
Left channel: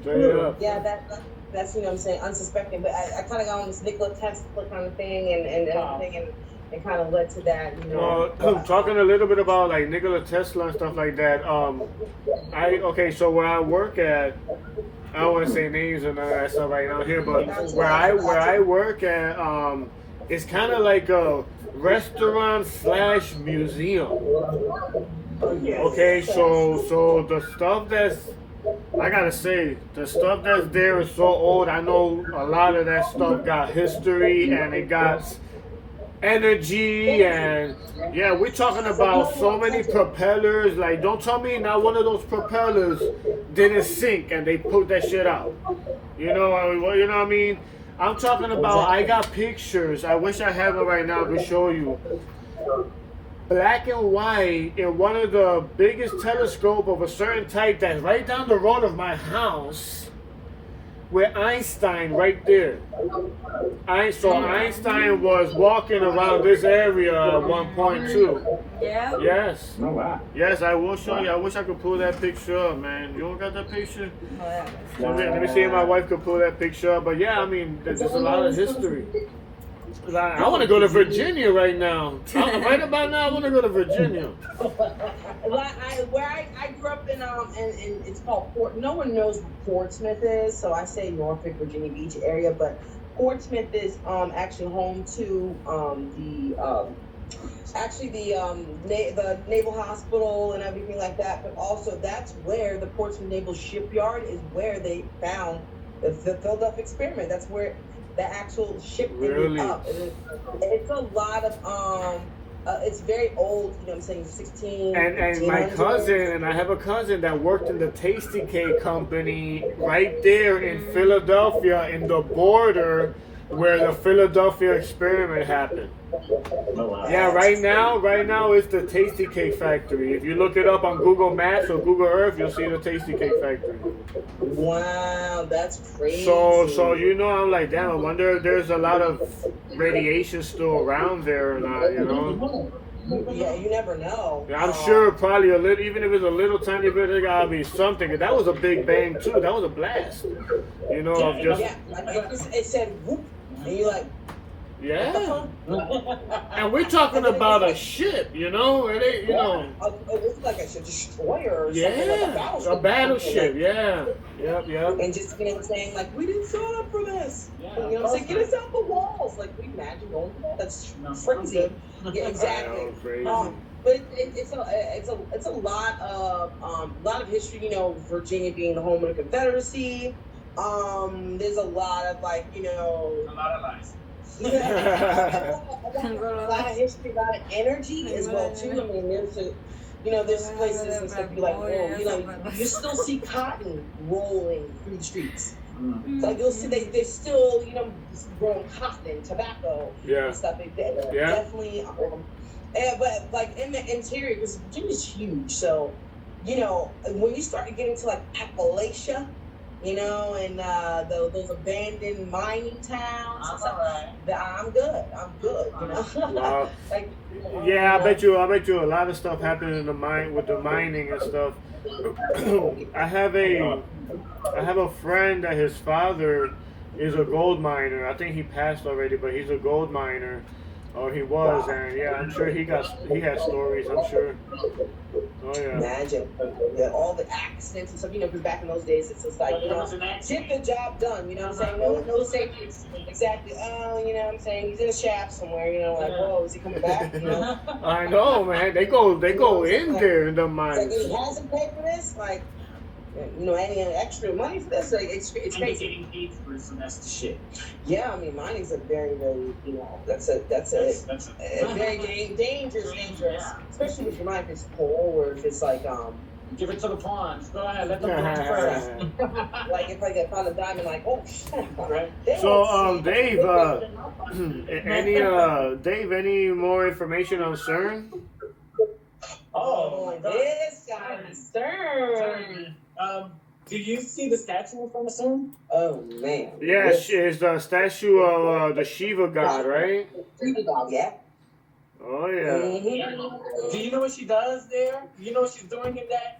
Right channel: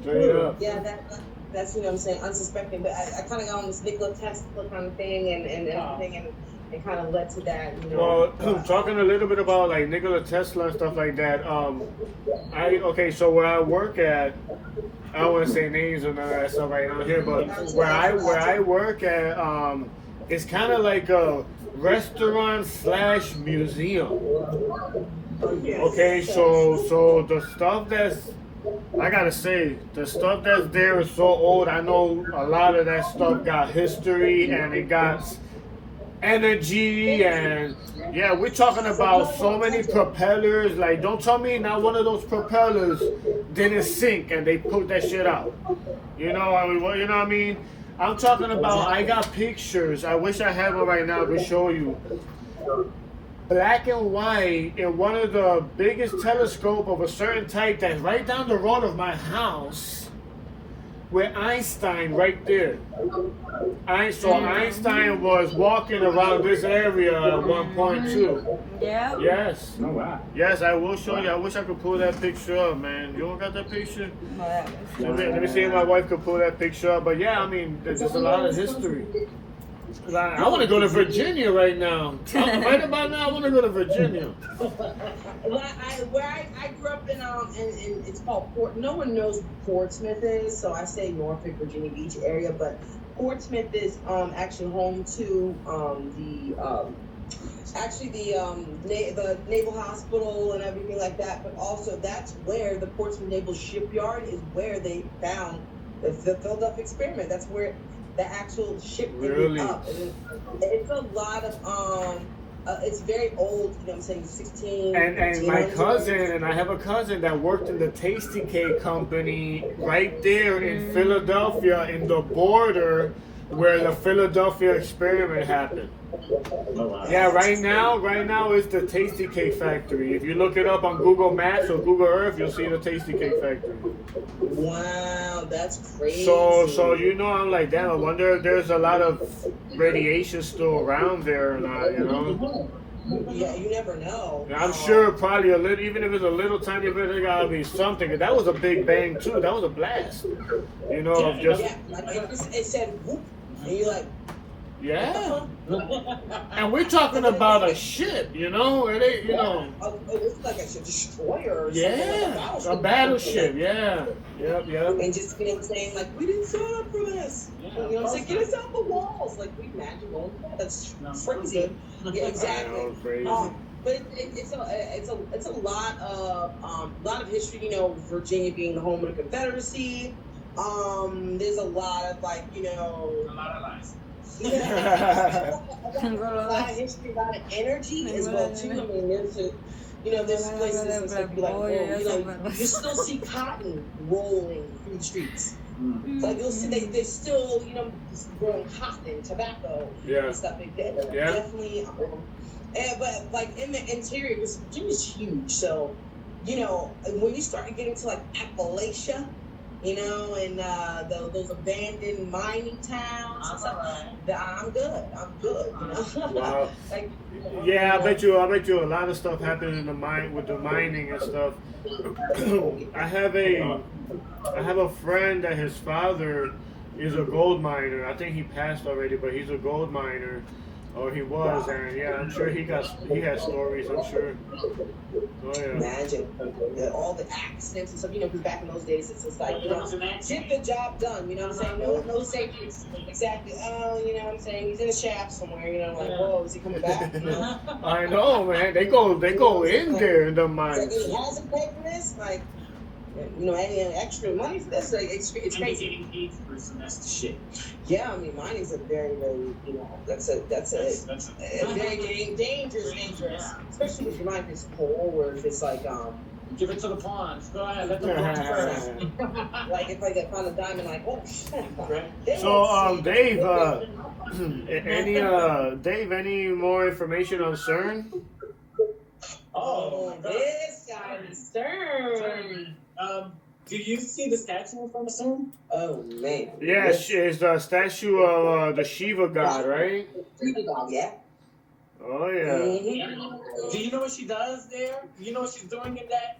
Straight up. Yeah, that's, you know what I'm saying, unsuspecting. But I kind of got on this Nikola Tesla kind of thing and everything, and it kind of led to that, you know. Well, talking a little bit about like Nikola Tesla and stuff like that. So where I work at, I don't want to say names or none of that stuff right now here, but where I work at, it's kind of like a restaurant/museum. Okay, so the stuff that's, I gotta say, the stuff that's there is so old. I know a lot of that stuff got history and it got energy, and yeah, we're talking about so many propellers. Like, don't tell me not one of those propellers didn't sink and they put that shit out. You know what I mean? I'm talking about, I got pictures. I wish I had one right now to show you. Black and white in one of the biggest telescope of a certain type that's right down the road of my house. With Einstein right there. Einstein was walking around this area at one point too. Yeah. Yes. Oh, wow. Yes, I will show you. I wish I could pull that picture up, man. You don't got that picture? Let me see if my wife could pull that picture up. But yeah, I mean, there's just a lot of history. I want to go to Virginia right now. Right about now, I want to go to Virginia. Where I grew up in it's called Port. No one knows what Portsmouth is, so I say Norfolk, Virginia Beach area. But Portsmouth is actually home to the Naval Hospital and everything like that. But also, that's where the Portsmouth Naval Shipyard is, where they found the Philadelphia experiment. That's where the actual ship ended up. It's a lot of it's very old, you know what I'm saying, 16. And my cousin, and I have a cousin that worked in the Tasty Cake Company right there in Philadelphia in the border where the Philadelphia experiment happened. Yeah, right now it's the Tasty Cake Factory. If you look it up on Google Maps or Google Earth, you'll see the Tasty Cake Factory. Wow, that's crazy. So you know, I'm like, damn, I wonder if there's a lot of radiation still around there or not, you know? Yeah, you never know. I'm sure probably a little, even if it's a little tiny bit, there gotta be something. 'Cause that was a big bang too. That was a blast. You know, of just yeah, like it said whoop, and you're like, yeah. And we're talking about a ship, you know, it ain't, you know. It's like a destroyer or Yeah, something. a battleship. Yeah, yep. And just saying like, we didn't sign up for this. You know, saying, get us out the walls. Like, we imagine going, that's crazy. Yeah, exactly. Know, crazy. But it's a lot of history. You know, Virginia being the home of the Confederacy. There's a lot of like, you know, A lot of lies. a lot of history, a lot of energy as well too. I mean, there's places and stuff you like, whoa, you know, you still see cotton rolling through the streets. Like you'll see there's still, you know, growing cotton, tobacco, and stuff. Definitely. But like in the interior, because Virginia's huge, so you know when you start to get into like Appalachia, you know, and those abandoned mining towns. I'm good. You know. Wow. Like, yeah, I bet you a lot of stuff happened in the mine with the mining and stuff. I have a friend that his father is a gold miner. I think he passed already, but he's a gold miner. Or he was, and yeah, I'm sure he has stories, I'm sure. Oh yeah. Imagine all the accidents and stuff, you know, because back in those days it's just like, you know, get the job done, you know what I'm saying? No safety. Exactly. Oh, you know what I'm saying? He's in a shaft somewhere, you know, like, whoa, is he coming back? You know? I know, man. They go in there in the mines. Like, he hasn't paid for this, like, you know, any extra money for this, like, it's crazy. Getting paid for it, so that's the shit. Yeah, I mean, mining's a very, very, you know, that's a very dangerous, especially if your mine is coal or if it's like, give it to the pawns. Go ahead, let them go first. Like if I found a diamond, like, oh, right. So, Dave, any more information on CERN? Oh, this guy, CERN. Do you see the statue from the CERN? Oh man. Yeah, it's the statue of the Shiva god, right? Shiva god, yeah. Oh yeah. Mm-hmm. Do you know what she does there? You know what she's doing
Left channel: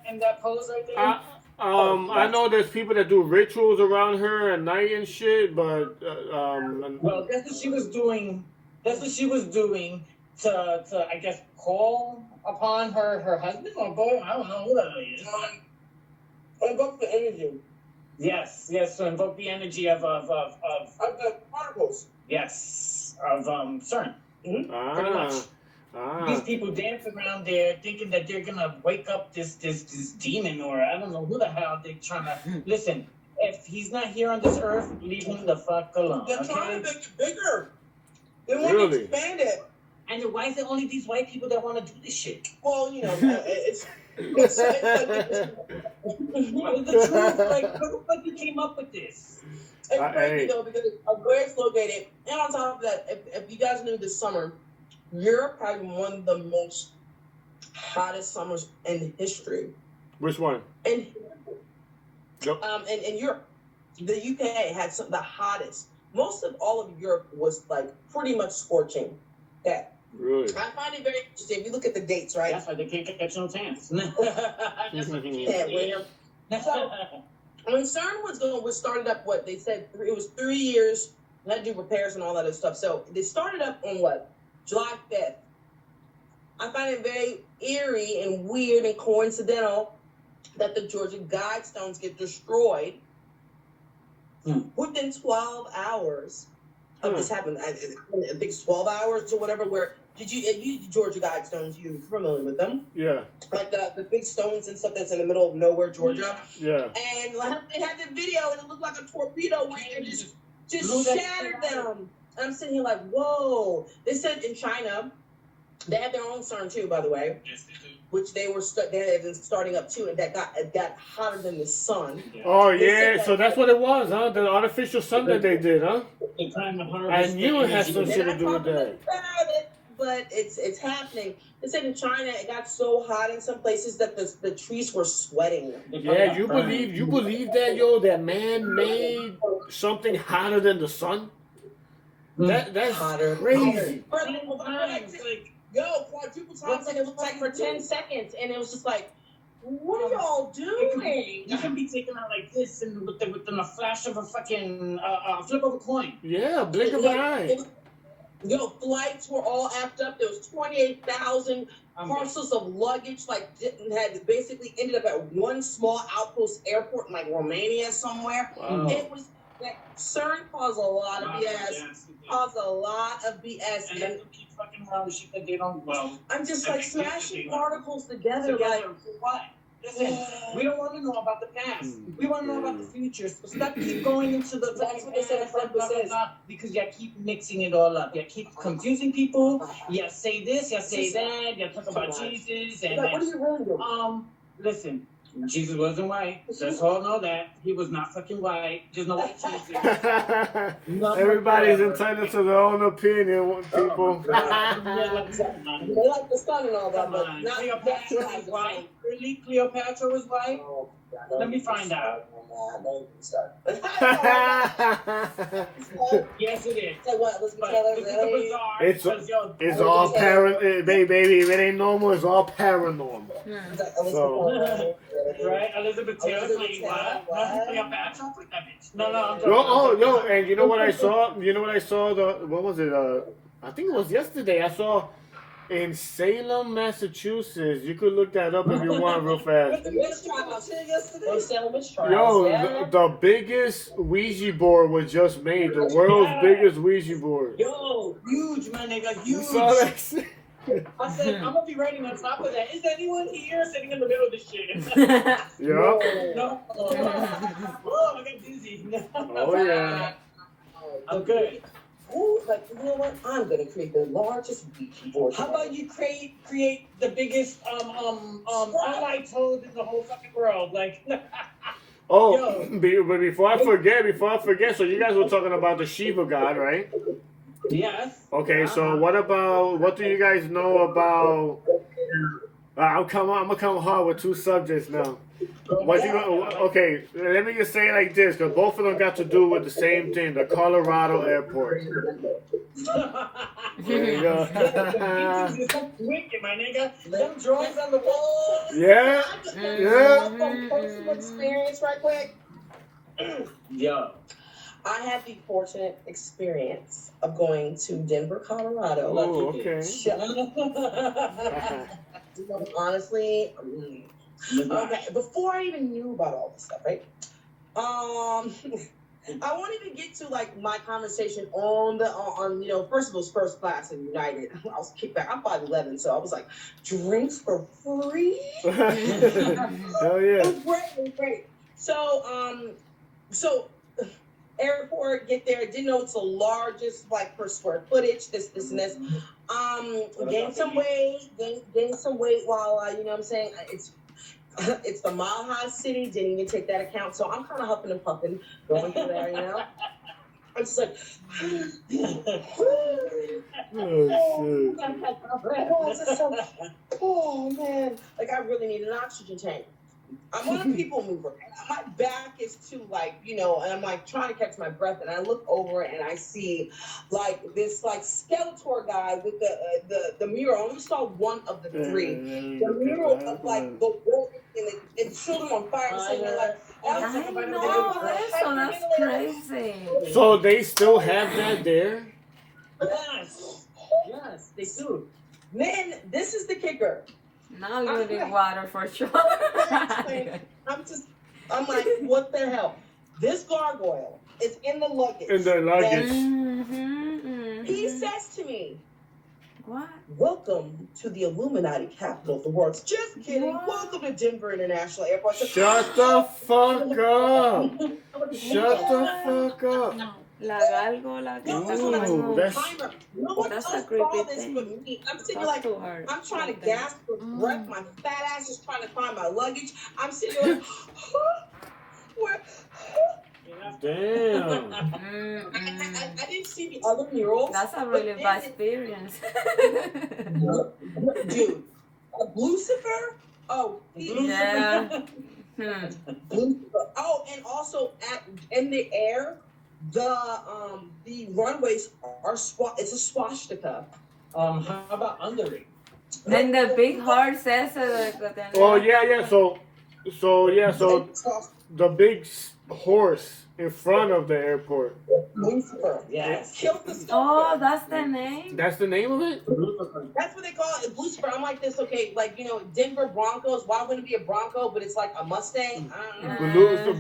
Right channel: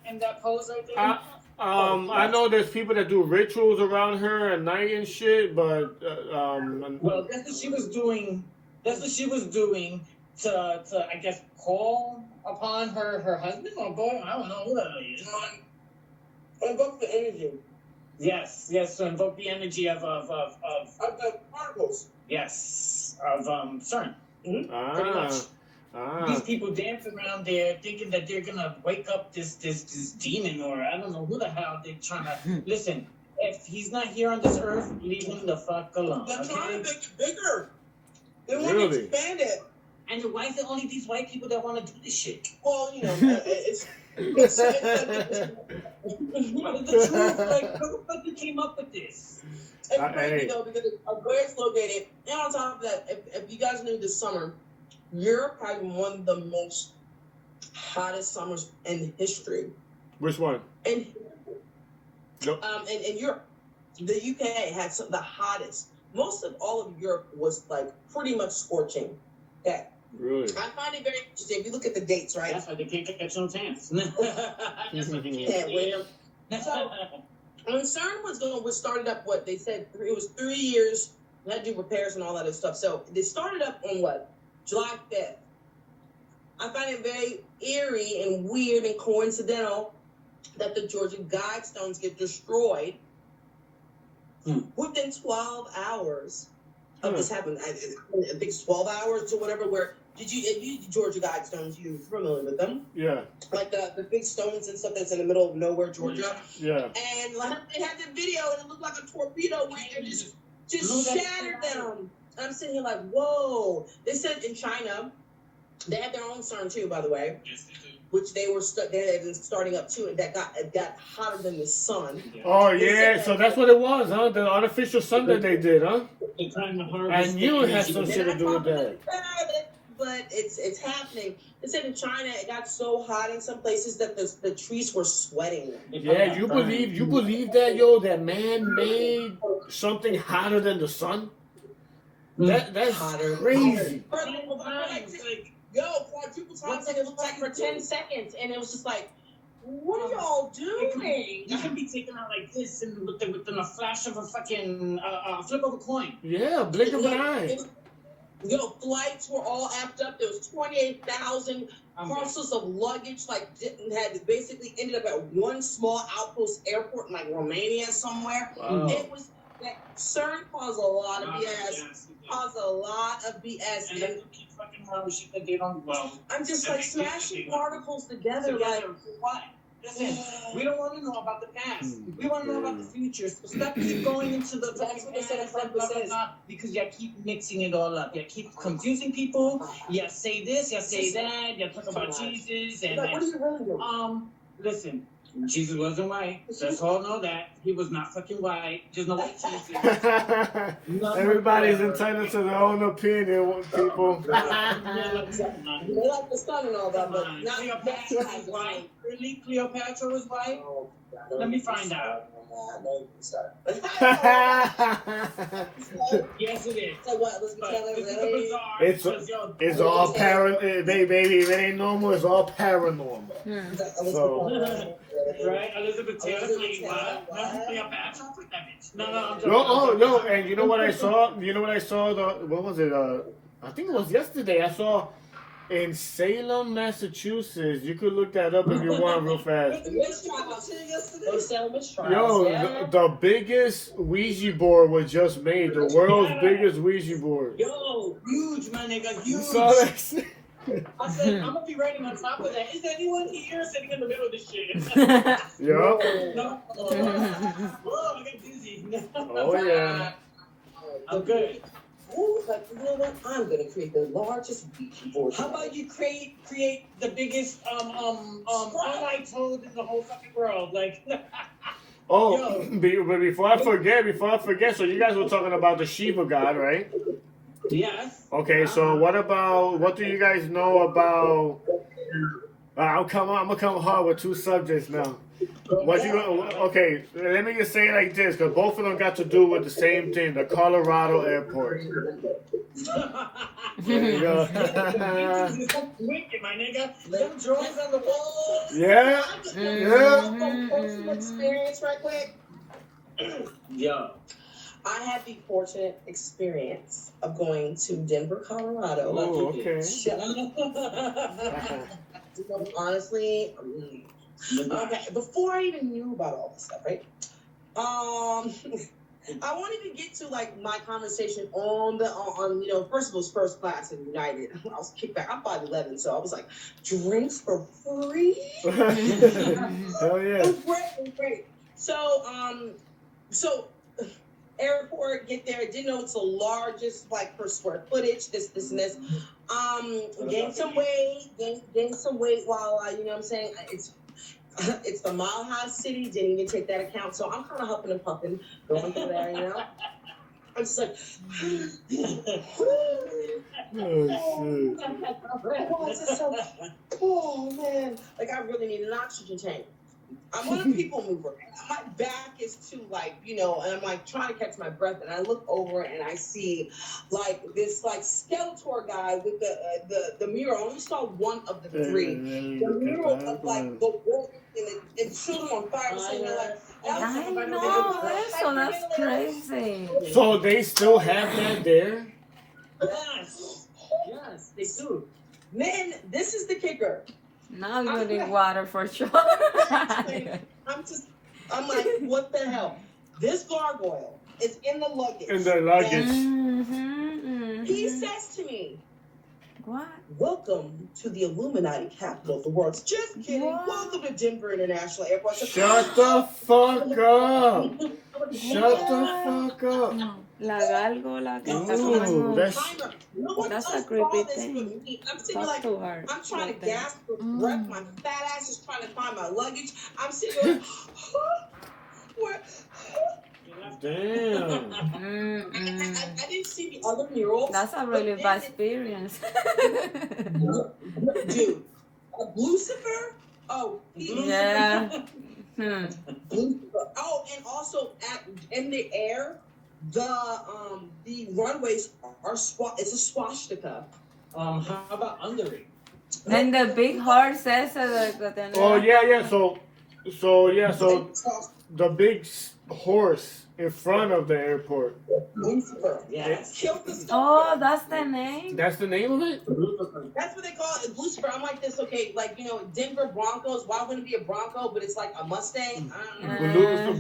in that pose right there? I know there's people that do rituals around her at night and shit, but well, that's what she was doing. That's what she was doing to I guess call upon her husband or boy. I don't know who that is. Invoke the energy. Yes, to invoke the energy of the particles. Yes, of CERN. Mm-hmm. These people dance around there thinking that they're gonna wake up this demon or I don't know who the hell they're trying to listen. If he's not here on this earth, leave him the fuck alone. They're trying to make it bigger. They want Really? to expand it. And why is it only these white people that want to do this shit? Well, you know, it's the truth. Like, who the fuck you came up with this? It's crazy though because of where it's located, and on top of that, if you guys knew this summer, Europe had one of the most hottest summers in history. Which one? In Europe, the UK had the hottest. Most of all of Europe was like pretty much scorching. Yeah. Really? I find it very interesting. If you look at the dates, right? That's why they can't catch no chance. So when CERN was started up, what they said it was 3 years. They had to do repairs and all that other stuff. So they started up on what? July 5th. I find it very eerie and weird and coincidental that the Georgia Guidestones get destroyed within 12 hours of this happening. I think it's 12 hours or whatever. Where did you Georgia Guidestones? You're familiar with them? Yeah. Like the big stones and stuff that's in the middle of nowhere, Georgia. Yeah. And like, they had the video, and it looked like a torpedo went and just shattered them. And I'm sitting here like, whoa. They said in China, they have their own CERN too, by the way. Yes, they do. which they had been starting up too, and that got hotter than the sun. Oh They yeah, said so that- that's what it was, huh? The artificial sun that they did, huh? They're trying to I harvest knew it had energy. some They're shit to not do with talking that. about it, but it's happening. They said in China it got so hot in some places that the trees were sweating. Yeah, you believe that, yo? That man made something hotter than the sun? That's Hotter. crazy. Multiple times, like, Quadruple times, and it was like for 10 seconds, and it was just like, what are y'all doing? you can be taken out like this and within a flash of a fucking flip of a coin. Yeah, blink of an eye. Flights were all amped up. There was 28,000 parcels of luggage, like had basically ended up at one small outpost airport in like Romania somewhere. Wow. It was like CERN caused a lot of BS. Caused a lot of BS. And then keep fucking around with shit that they don't. Well, I'm just like smashing particles together, like. Why? Listen, we don't want to know about the past. We want to know about the future. So stop keep going into the. That's what they said in front of because you keep mixing it all up. You keep confusing people. You say this, you say that. You talk about Jesus and. Like, what are you really doing? Listen. Jesus wasn't white. Just all know that. He was not fucking white. Just know what Jesus. Everybody's entitled to their own opinion, people. They like the sun and all that, but not Cleopatra was white. Really? Cleopatra was white? Let me find out. Yes, it is. So what? But this is the bizarre. It's all baby. If it ain't normal, it's all paranormal. So. Right? Elizabeth Taylor playing what? Cleopatra? No, I'm No, no, and you know what I saw? What was it? I think it was yesterday. I saw in Salem, Massachusetts. You could look that up if you want real fast. Yo, the biggest Ouija board was just made. The world's biggest Ouija board. Yo, huge, my nigga, huge. You saw that shit? I said, I'm gonna be writing on top of that. Is anyone here sitting in the middle of this shit? Yeah. No. Oh, I got dizzy. Oh yeah. I'm good. Like, you know what? I'm gonna create the largest Ouija board. How about you create the biggest online toad in the whole fucking world? Like. Oh, but before I forget, so you guys were talking about the Shiva god, right? Yes. Okay, so what do you guys know about? I'm gonna come hard with two subjects now. Okay, let me just say it like this, because both of them got to do with the same thing, the Colorado airport. There you go. Wicked, my nigga. Them drawings on the wall. Yeah. Personal experience, right quick. Yeah. I had the fortunate experience of going to Denver, Colorado. Oh, okay. Honestly, okay. Before I even knew about all this stuff, right? I won't even get to like my conversation on first of all, first class in United. I was kicked back. I'm 5'11", so I was like, drinks for free. Hell yeah. It was great. So airport, get there. Didn't know it's the largest, like, per square footage. This, and this. Gained some weight while you know what I'm saying. It's the Mile High City. Didn't even take that account. So I'm kind of huffing and puffing going through there, you know. I'm just like, oh man, like I really need an oxygen tank. I'm not a people mover. My back is too and I'm like trying to catch my breath, and I look over and I see like this like Skeletor guy with the mural. I only saw one of the three. The mural of like the wolf and children on fire. So they're like, that's crazy. So they still have that there? Yes, they do. Man, this is the kicker. Now you need water for sure. I'm like, what the hell? This gargoyle is in the luggage. In the luggage. He says to me, what? Welcome to the Illuminati capital of the world. Just kidding. What? Welcome to Denver International Airport. Shut the fuck up. Shut the fuck up. La gárgola. No, que that's what I está Ooh, como- that's- timer. No one That's a else creepy saw this thing. but me. I'm sitting That's like, too hard. I'm trying to Like that. gasp for breath. My fat ass is trying to find my luggage. I'm sitting there like, where? Damn. I didn't see the other murals. That's a but really then bad experience. Dude, Lucifer? Oh, Yeah. Lucifer. Oh, and also in the air, the runways are it's a swastika. How about under it? And the big horse says that. Oh yeah. So the big horse in front of the airport. Lucifer. Yes. Killed the Oh, that's the name. That's the name of it. That's what they call it, Lucifer. I'm like this, okay, like, Denver Broncos. Why wouldn't it be a Bronco, but it's like a Mustang? I don't know.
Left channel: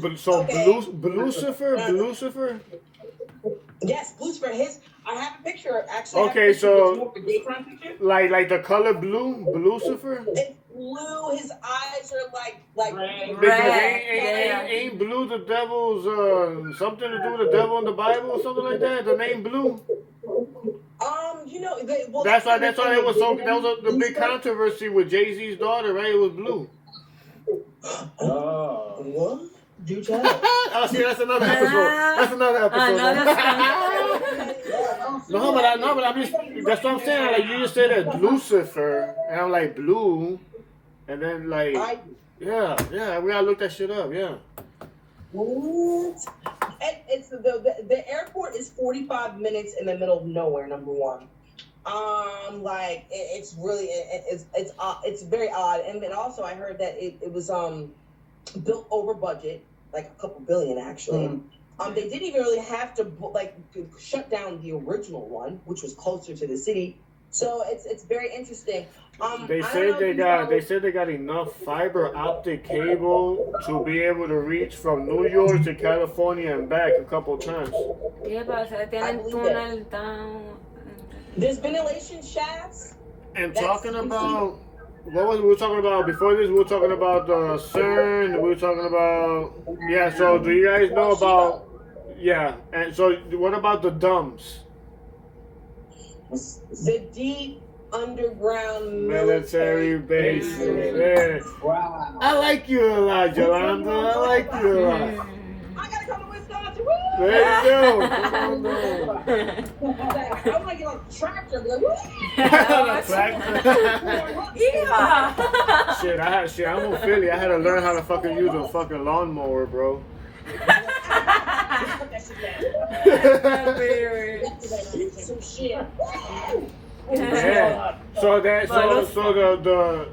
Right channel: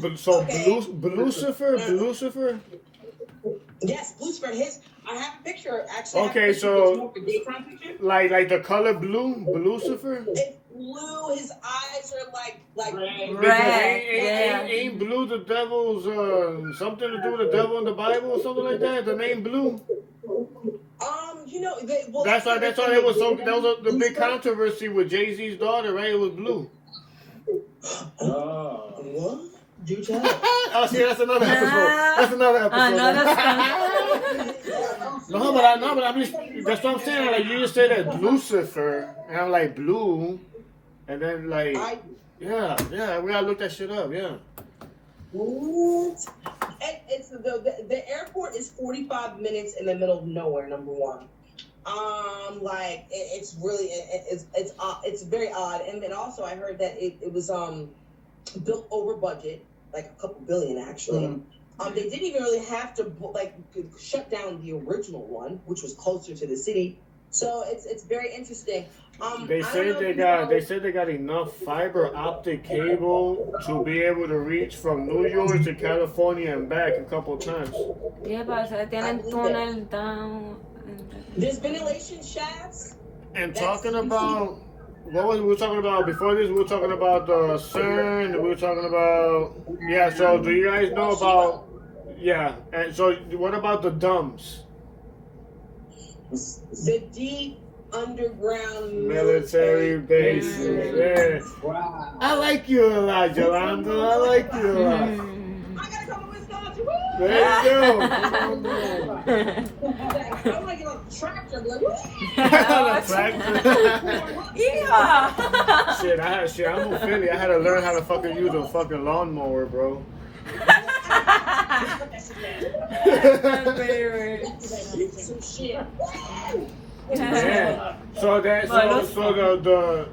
Lucifer. Yes, Lucifer. I have a picture, actually. Okay, so like the color blue, Lucifer. It's blue. His eyes are like Red. Because Yeah. ain't blue the devil's something to do with the devil in the Bible or something like that? The name blue. That's why it was so. That was the big controversy with Jay-Z's daughter, right? It was blue. Oh. What? Do tell. Oh, see, that's another episode. That's another episode. No, but I'm just. That's what I'm saying. Like you just said that Lucifer, and I'm like blue, and then like yeah, we gotta look that shit up. Yeah. What? And it's the airport is 45 minutes in the middle of nowhere. Number one. It's really it's very odd. And then also I heard that it was built over budget, like a couple billion actually. They didn't even really have to shut down the original one, which was closer to the city. So it's very interesting. They said they got enough fiber optic cable to be able to reach from New York to California and back a couple times. Yeah, but se tienen túnel down. There's ventilation shafts. And talking about we were talking about before this, we were talking about the CERN. We were talking about So do you guys know about And so what about the DUMBs? The deep underground Military bases. Yeah. Wow. I like you a lot, Yolanda. I like you a lot. I gotta come to Wisconsin. Woo! There you go. I'm like on a tractor. Like, woo! On a tractor. Shit, I'm from Philly. I had to learn how to fucking use a fucking lawnmower, bro. Some shit. Yeah. So the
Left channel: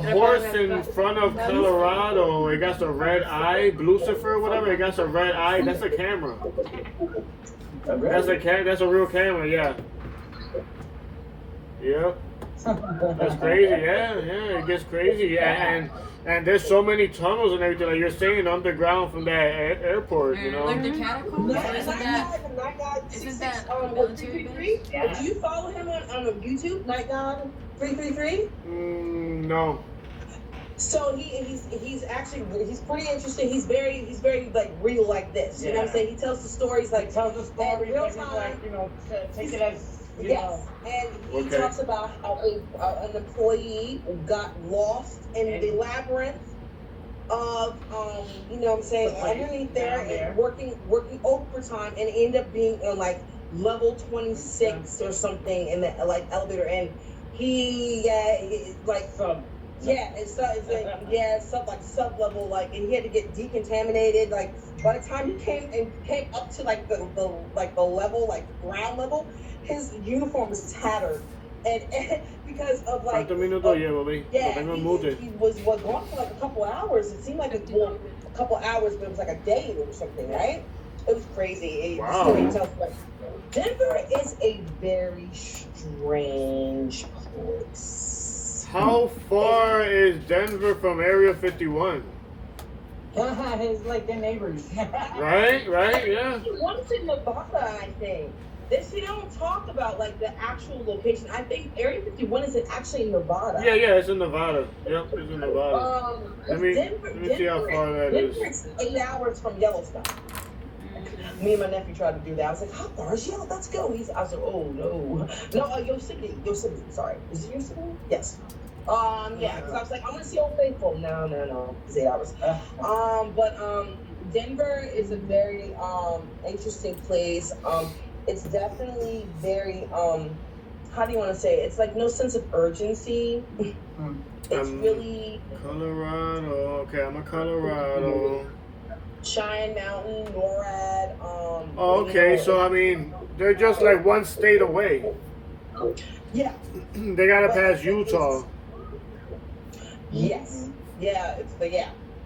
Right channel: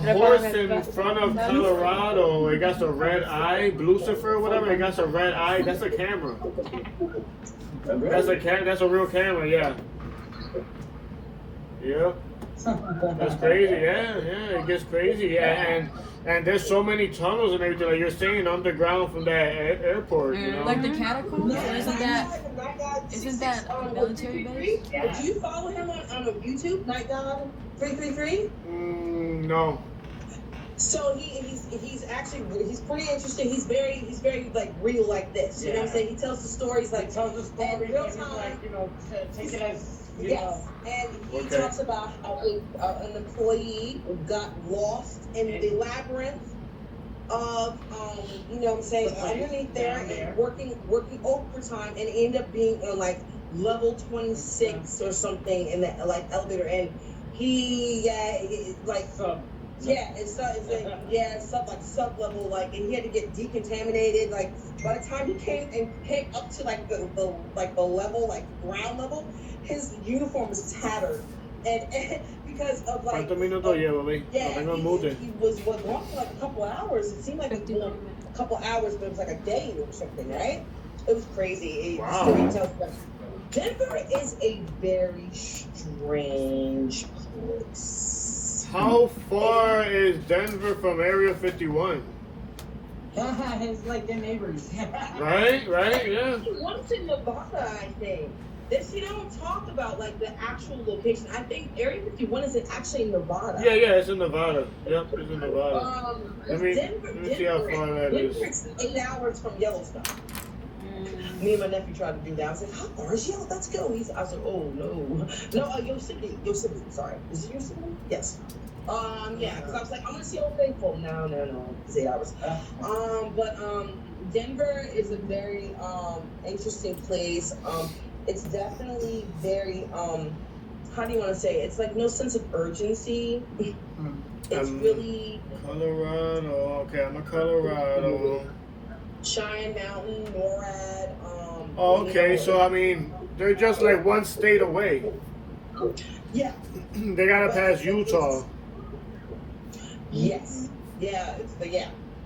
horse in front of Colorado, it got the red eye, Lucifer, whatever. It got the red eye. That's a camera. That's a real camera. Yeah. Yeah. That's crazy. Yeah. It gets crazy. And there's so many tunnels and everything. Like you're saying, underground from that airport. You know. Like the catacombs? No, Isn't that military base? Do you follow him on YouTube, Night God 333? No. So he's actually pretty interesting. He's very like real like this. You know what I'm saying? He tells the stories like Tells the story in real like, time. take it as Yes, and he talks about how an employee got lost in the labyrinth of you know what I'm saying, underneath there and working overtime, and ended up being in like level 26 or something in the elevator, and it's stuff like sub level, like, and he had to get decontaminated. Like by the time he came up to like the level, like ground level, his uniform was tattered, and because of like. ¿Cuántos minutos lleva, baby? Yeah, No tengo el mute. he was gone for like a couple hours. It seemed like a couple hours, but it was like a day or something, right? It was crazy. Wow. Denver is a very strange place. How far is Denver from Area 51? It's like the neighbors. Right, yeah. One's in Nevada, I think. You don't talk about like the actual location. I think Area 51 is actually in Nevada. Yeah, it's in Nevada. Yep, it's in Nevada. Let me see how far that is. Denver is 8 hours from Yellowstone. Me and my nephew tried to do that. I was like, how far is she out? Let's go. I was like, oh no. No, Yosemite. Sorry. Is it Yosemite? Yes. Yeah, because I was like, I'm gonna see Old Faithful. No. It's 8 hours. But Denver is a very interesting place. It's definitely very how do you want to say it? It's like no sense of urgency. It's really Colorado. Okay, I'm a Colorado. Cheyenne Mountain, NORAD. Oh, okay, so I mean, they're just like one state away. Yeah. They gotta pass Utah. Yes. Yeah.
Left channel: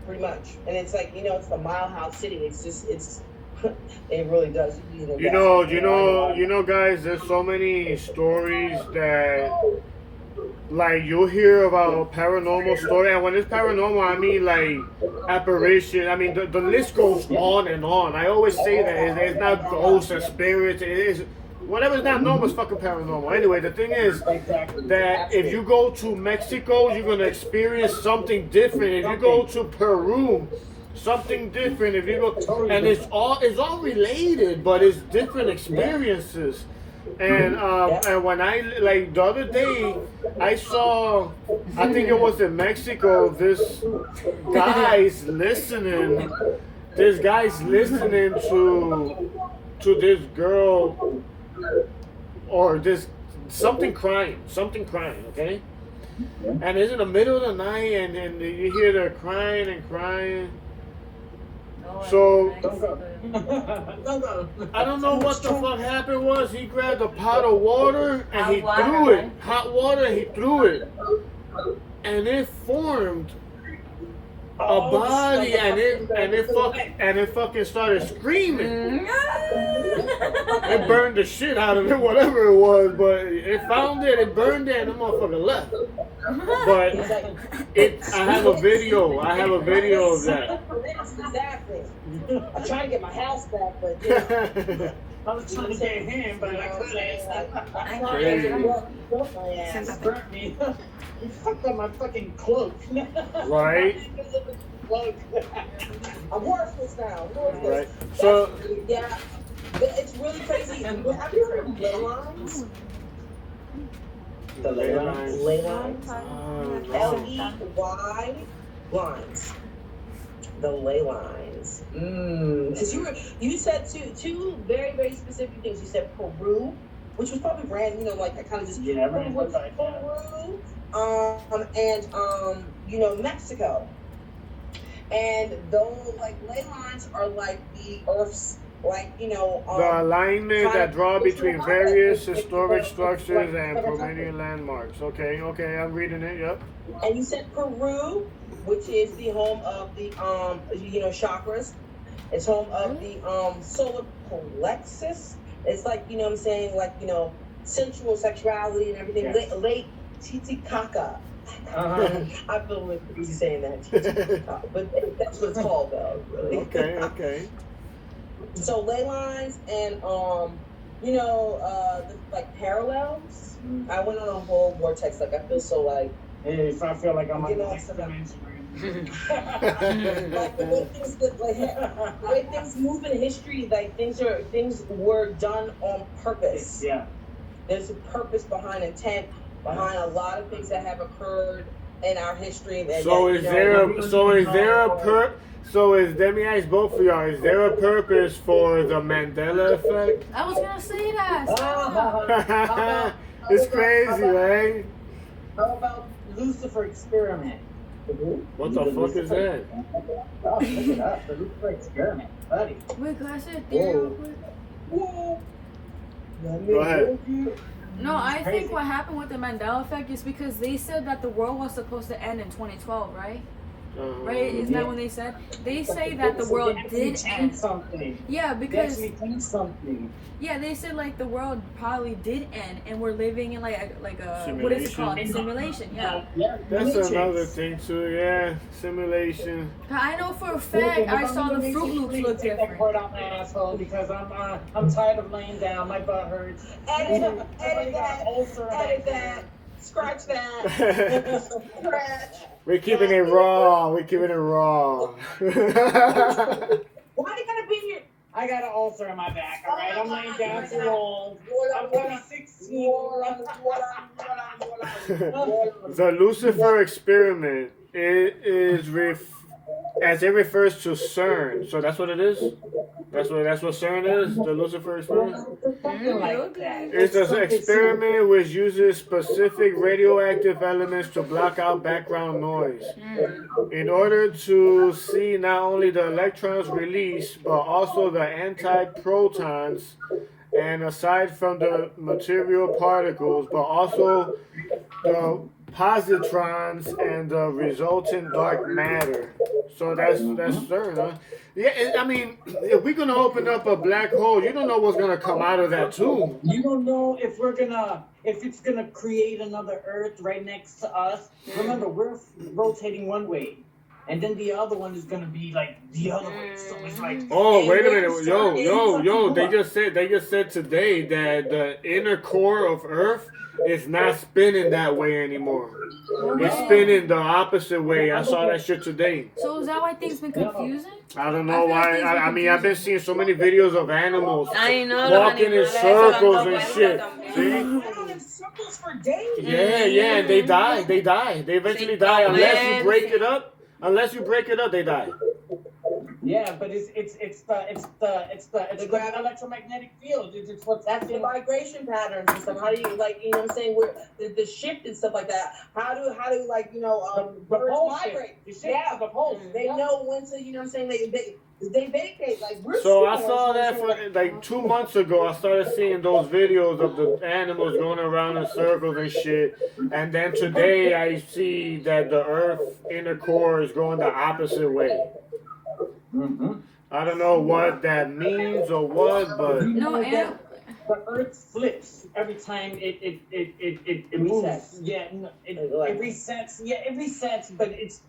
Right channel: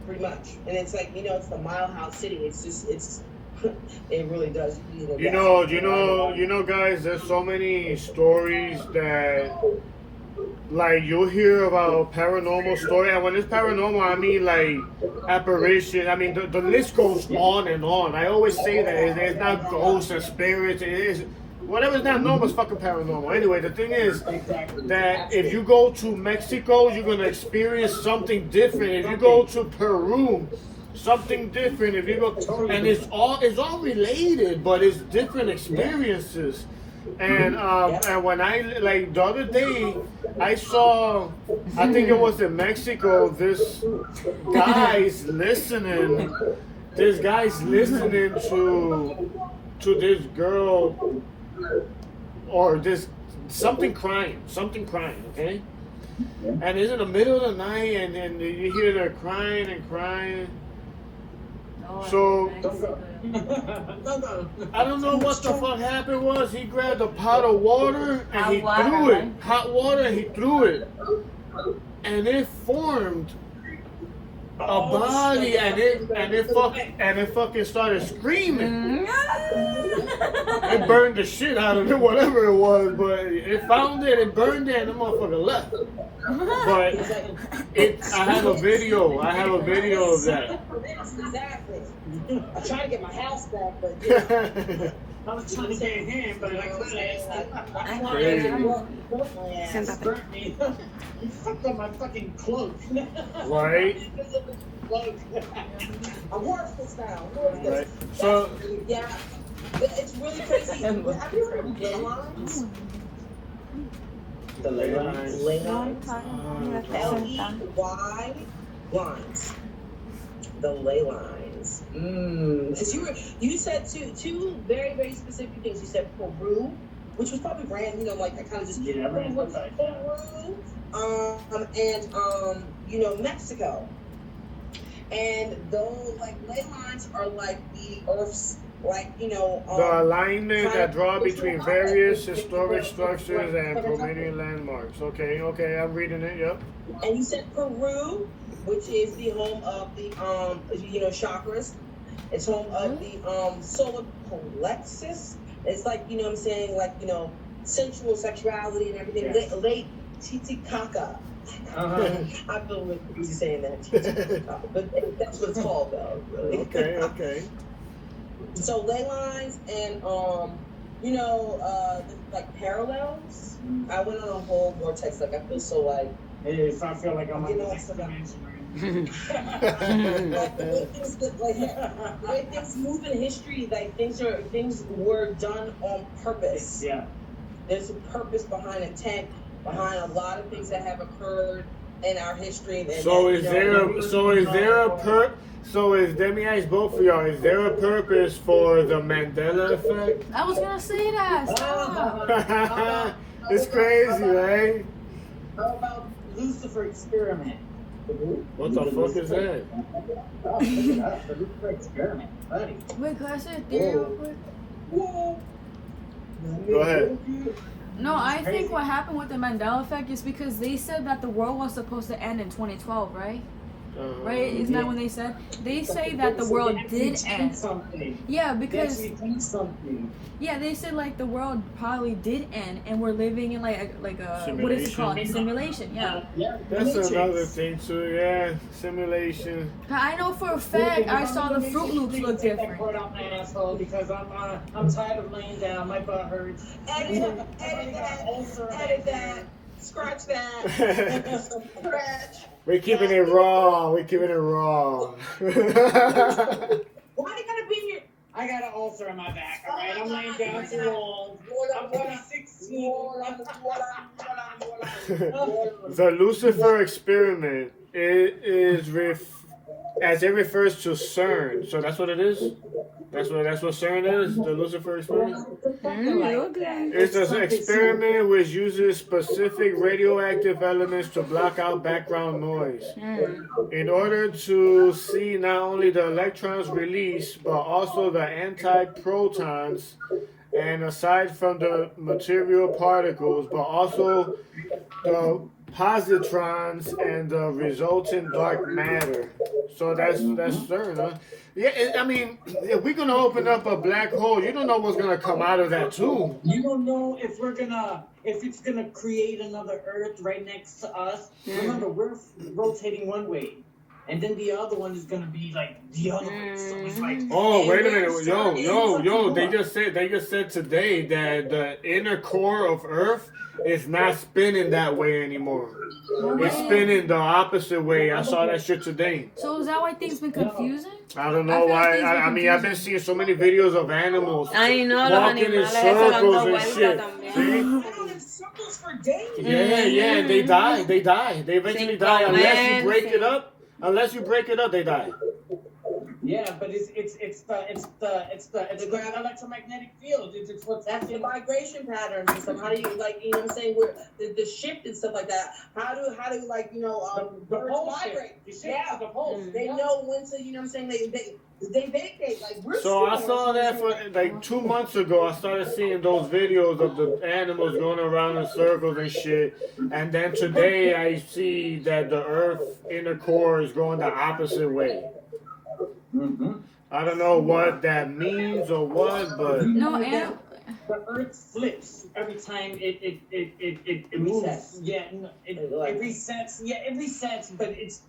Pretty much. And it's like it's the Mile High City. It's it really does. You know, guys. There's so many stories that, like, you'll hear about paranormal story, and when it's paranormal, I mean like apparition. I mean the list goes on and on. I always say that it's not ghosts and spirits. It is whatever's not normal is fucking paranormal. Anyway, the thing is that if you go to Mexico, you're gonna experience something different. If you go to Peru, something different. If you go, and it's all related, but it's different experiences. And when I like the other day, I saw, I think it was in Mexico. This guy's listening to this girl or this something crying, okay? And it's in the middle of the night, and you hear her crying and crying. So I don't know what the fuck happened was he grabbed a pot of water and he threw it, hot water, and he threw it, and it formed a body, and it fucking started screaming. It burned the shit out of it, whatever it was, but it found it, it burned it, and the motherfucker left. But I have a video of that. Exactly. I'm trying to get my house back, but I was trying to get him, but I couldn't. Crazy. You fucked up my fucking cloak. Right? I'm worthless now. Right. So yeah, it's really crazy. Have you heard of ley lines? The ley lines. Ley lines. Ley lines. The ley lines. Because you said two very, very specific things. You said Peru, which was probably random, like I kind of just Peru, and Mexico. And those like ley lines are like the Earth's the alignment that draw between various historic structures and prominent landmarks. Okay, I'm reading it. Yep. And you said Peru, which is the home of the chakras. It's home of the solar plexus. It's like what I'm saying, like sensual sexuality and everything. Late Titicaca. I feel like you saying that, but that's what it's called though. Okay. So ley lines and like parallels. I went on a whole vortex. Like I feel so like. Yeah, so I feel like I'm on the next dimension. Like the way things move in history, like things were done on purpose. Yeah. There's a purpose behind intent behind a lot of things that have occurred in our history. Let me ask both of y'all, is there a purpose for the Mandela effect? I was gonna say that. It's crazy, right? How about Lucifer experiment? What the fuck is that? Oh, look it up. The Lucifer experiment, buddy. Wait, can I say a theory real quick? Whoa. Go ahead. No, I think what happened with the Mandela effect is because they said that the world was supposed to end in 2012, right? Right? Isn't that when they said? They say that the world did end. Yeah, because yeah, they said like the world probably did end, and we're living in like a what is it called? Simulation. Yeah. That's another thing too. Yeah, simulation. I know for a fact I saw the Fruit Loops look different. Out my asshole because I'm tired of laying down. My butt hurts. Edit that. Scratch that. Scratch. We're keeping it raw. Why they gotta be here? I got an ulcer on my back, all right? I'm laying down too old. I'm 16. The Lucifer experiment as it refers to CERN. So that's what it is. That's what CERN is. The Lucifer experiment. It's an experiment which uses specific radioactive elements to block out background noise in order to see not only the electrons released but also the antiprotons, and aside from the material particles, but also the positrons and the resultant dark matter. So that's CERN, huh? Yeah, I mean, if we're gonna open up a black hole, you don't know what's gonna come out of that too. You don't know if it's gonna create another Earth right next to us. Remember, we're rotating one way, and then the other one is gonna be like the other way. So it's like, oh, wait a minute, yo! They just said today that the inner core of Earth is not spinning that way anymore. It's spinning the opposite way. I saw that shit today. So is that why things been confusing? I don't know why. I mean, I've been seeing so many videos of animals Animales, walking in circles and shit. See? Yeah, and they die. They eventually die unless you break it up. Unless you break it up, they die. Yeah, but it's the electromagnetic field. It's what's That's the happening. vibration patterns and stuff. How do you like, you know what I'm saying? Where the shift and stuff like that. How do like, you know, The birds pole migrate? shift. The shift of the poles. They know when to, you know what I'm saying? They vacate. Like we're So I saw that for like 2 months ago. I started seeing those videos of the animals going around in circles and shit. And then today I see that the Earth inner core is going the opposite way. Mm-hmm. I don't know what that means or what, but No, and The Earth flips every time it moves. Resets. Yeah, no, it resets. Yeah, it resets, but it's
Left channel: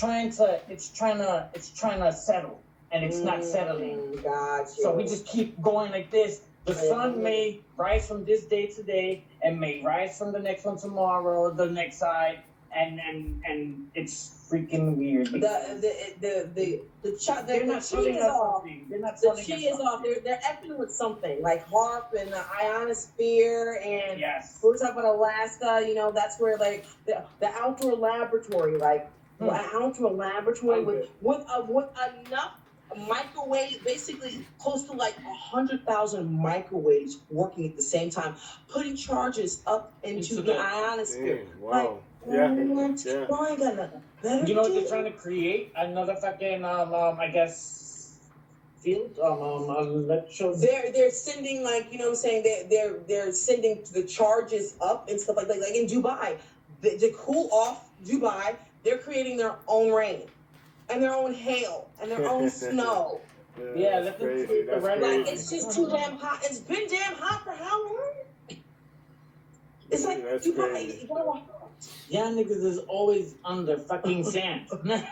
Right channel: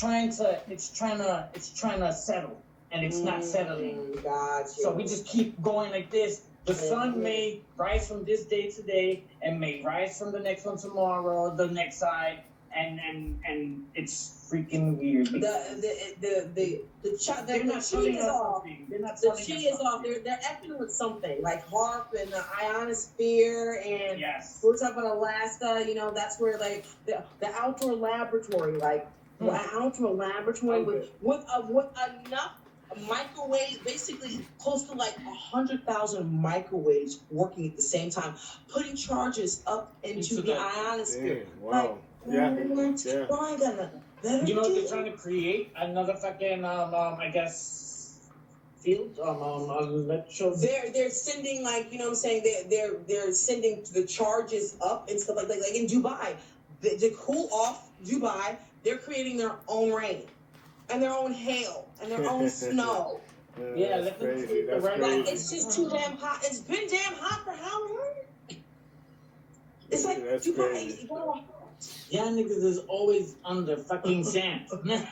trying to settle, and it's not settling. Gotcha. So we just keep going like this. The sun may rise from this day to day, and may rise from the next one tomorrow, the next side, and it's freaking weird. The They're not chi telling is us off. something. They're not The telling chi us is off. something. They're effing with something like HARP and the ionosphere and Yes. we're talking about Alaska. You know, that's where like the outdoor laboratory, like outdoor laboratory with enough microwaves, basically close to like 100,000 microwaves working at the same time, putting charges up into the ionosphere. damn, wow. Yeah. You know what they're trying to create? Another fucking I guess field. They're sending, like, you know what I'm saying, they're sending the charges up and stuff like in Dubai. To cool off Dubai, they're creating their own rain and their own hail and their own snow. Yeah, that's crazy. That's Like, crazy. it's just too damn hot. It's been damn hot for how long? It's like That's Dubai. crazy. Yeah, niggas is always under fucking sand. No,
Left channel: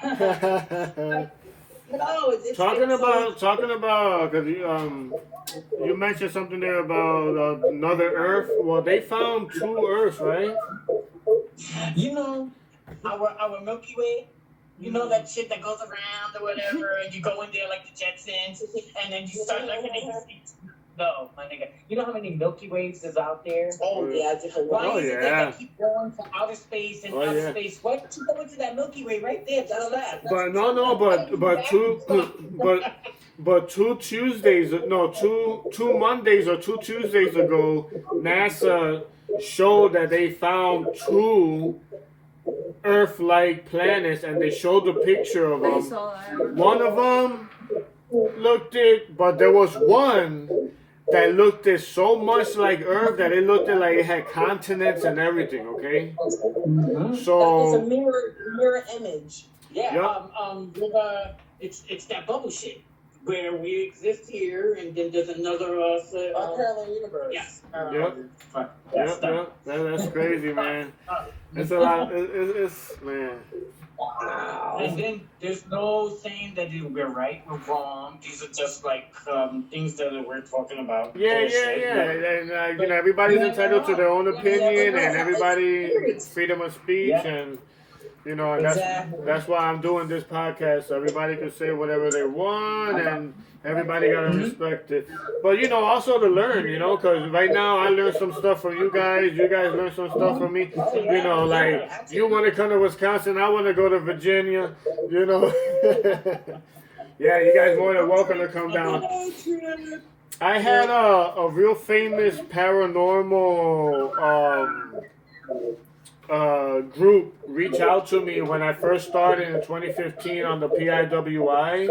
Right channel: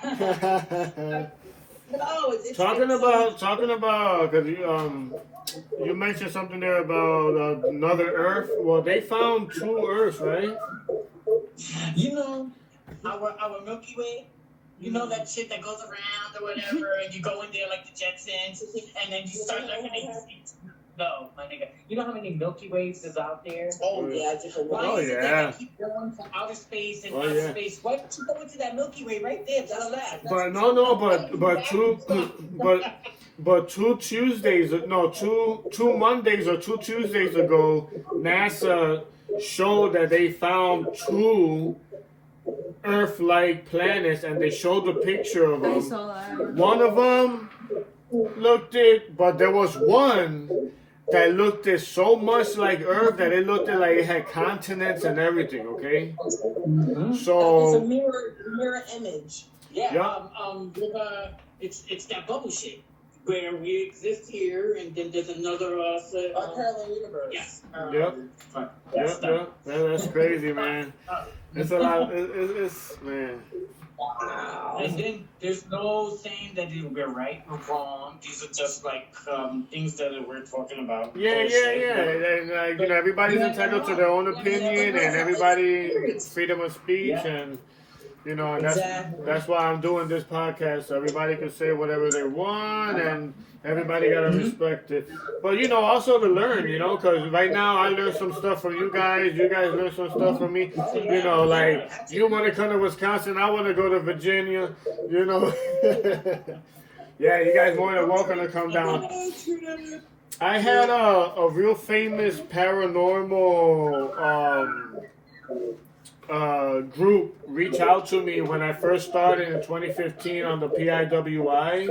it's Talking about, because you mentioned something there about another Earth. Well, they found 2 Earths, right? You know, our Milky Way. You know that shit that goes around or whatever, and you go in there like the Jetsons, and then you start looking at. No, my nigga. You know how many Milky Ways is out there? Oh yeah, different Why Oh, is it yeah. that they keep going to outer space and outer yeah. space? Why don't you go into that Milky Way right there? That's that. But no, but 2 Tuesdays, no, 2 Mondays or 2 Tuesdays ago, NASA showed that they found 2 Earth-like planets, and they showed the picture of I them. saw that. One of them looked it, but there was one that looked it so much like Earth that it looked like it had continents and everything. Okay, Mm-hmm. It's a so mirror image. Yeah. Yep. It's that bubble shit where we exist here, and then there's another A parallel universe. Yes. yep, that's crazy, man. It's a lot. It's man. And then there's no saying that we're right or wrong. These are just like things that we're talking about. Yeah. Bullshit. And you know, everybody's entitled to their own opinion, and everybody freedom of speech, and You know, and that's why I'm doing this podcast. So everybody can say whatever they want, and everybody gotta respect it. But you know, also to learn. You know, because right now I learned some stuff from you guys. You guys learned some stuff from me. You know, like you want to come to Wisconsin, I want to go to Virginia. You know. Yeah, you guys more than welcome to come down. I had a real famous paranormal group reach out to me when I first started in 2015 on the PIWI.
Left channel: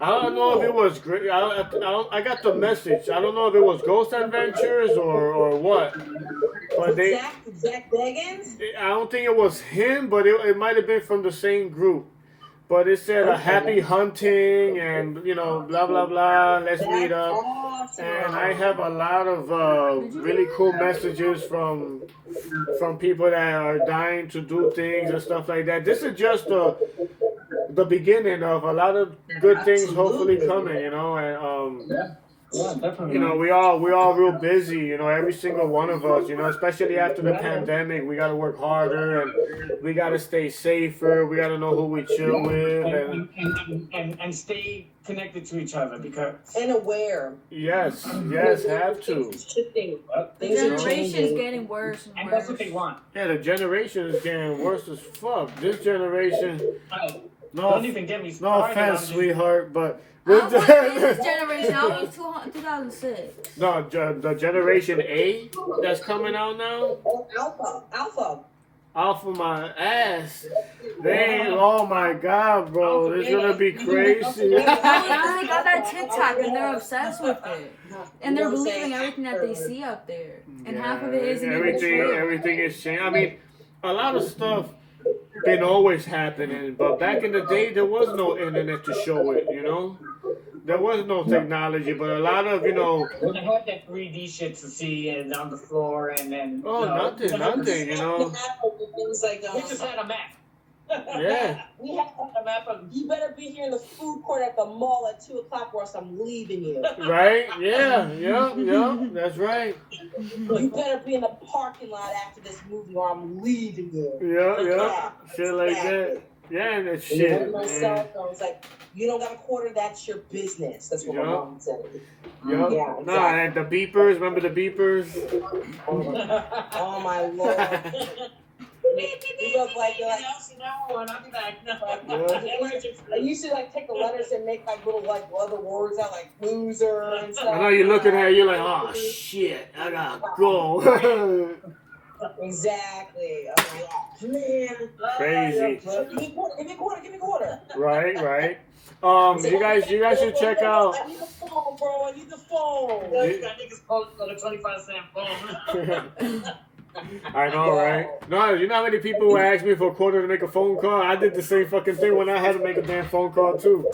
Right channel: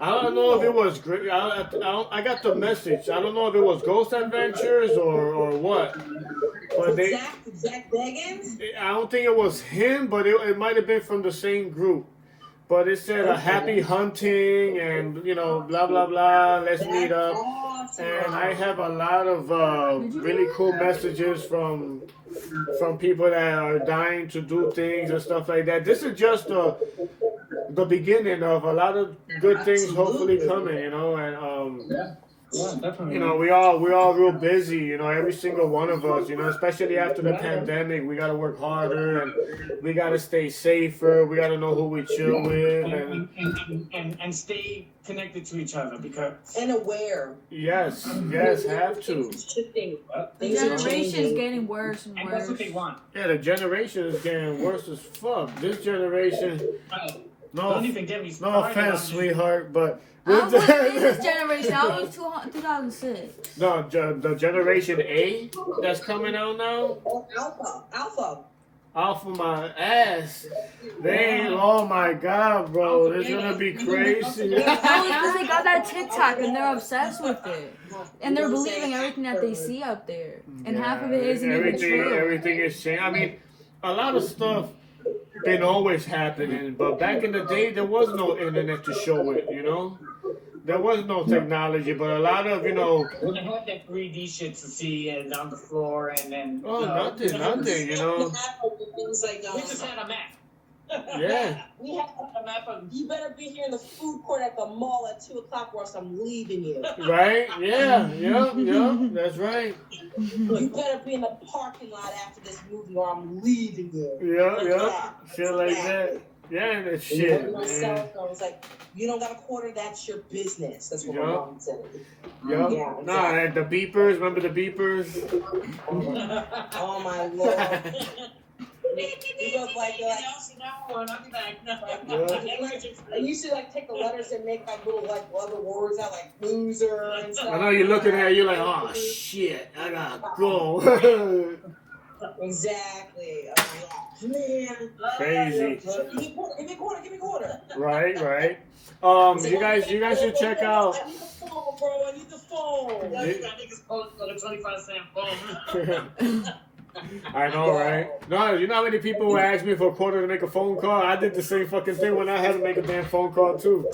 I don't know if it was great. I got the message. I don't know if it was Ghost Adventures or what. But Zach Beggins? I don't think it was him, but it might have been from the same group. But it said a happy hunting and, you know, blah, blah, blah, let's meet up. And I have a lot of really cool messages from people that are dying to do things and stuff like that. This is just the beginning of a lot of good things hopefully coming, you know. And Yeah, definitely. you know, we're all real busy, you know, every single one of us, you know, especially after the pandemic, we got to work harder and we got to stay safer. We got to know who we chill with And stay connected to each other because And aware. yes, have to. Things are shifting. The Things are generation's changing. getting worse and and that's what worse. they want. Yeah, the generation is getting worse as fuck. This generation, Don't even get me no started. offense, on sweetheart, but I was this generation. I was 2006. no, the generation A that's coming out now, Oh, Alpha. off of my ass. They, oh my god, bro, it's gonna be crazy. Because they got that TikTok and they're obsessed with it. And they're believing everything that they see out there. And half of it isn't even true. Everything is changing. I mean, a lot of stuff been always happening, but back in the day there was no internet to show it, you know? There was no technology, but a lot of, you know, We had that 3D shit to see and on the floor and then. oh, nothing, you know? Things like, We just had a map. Yeah. We have a map of, you better be here in the food court at the mall at 2 o'clock or else I'm leaving you. Right? Yeah, that's right. You better be in the parking lot after this movie or I'm leaving you. Yeah, shit like that. Yeah, and that shit. My cell phone is like, you don't got a quarter, that's your business. That's what my Yup. mom said. Yup. Yeah, Nah, and the beepers, remember the beepers? Oh my lord. He goes like, and you should like take the letters and make like little like other words out like loser and stuff. I know you're looking at it, you're like, oh shit, I gotta go. Exactly. Man. Crazy. Give me quarter. Right. You guys should check out. I need the phone, bro. I need the phone. That nigga's close to the 25-cent phone. I know, right? No, you know how many people would ask me for a quarter to make a phone call? I did the same fucking thing when I had to make a damn phone call too.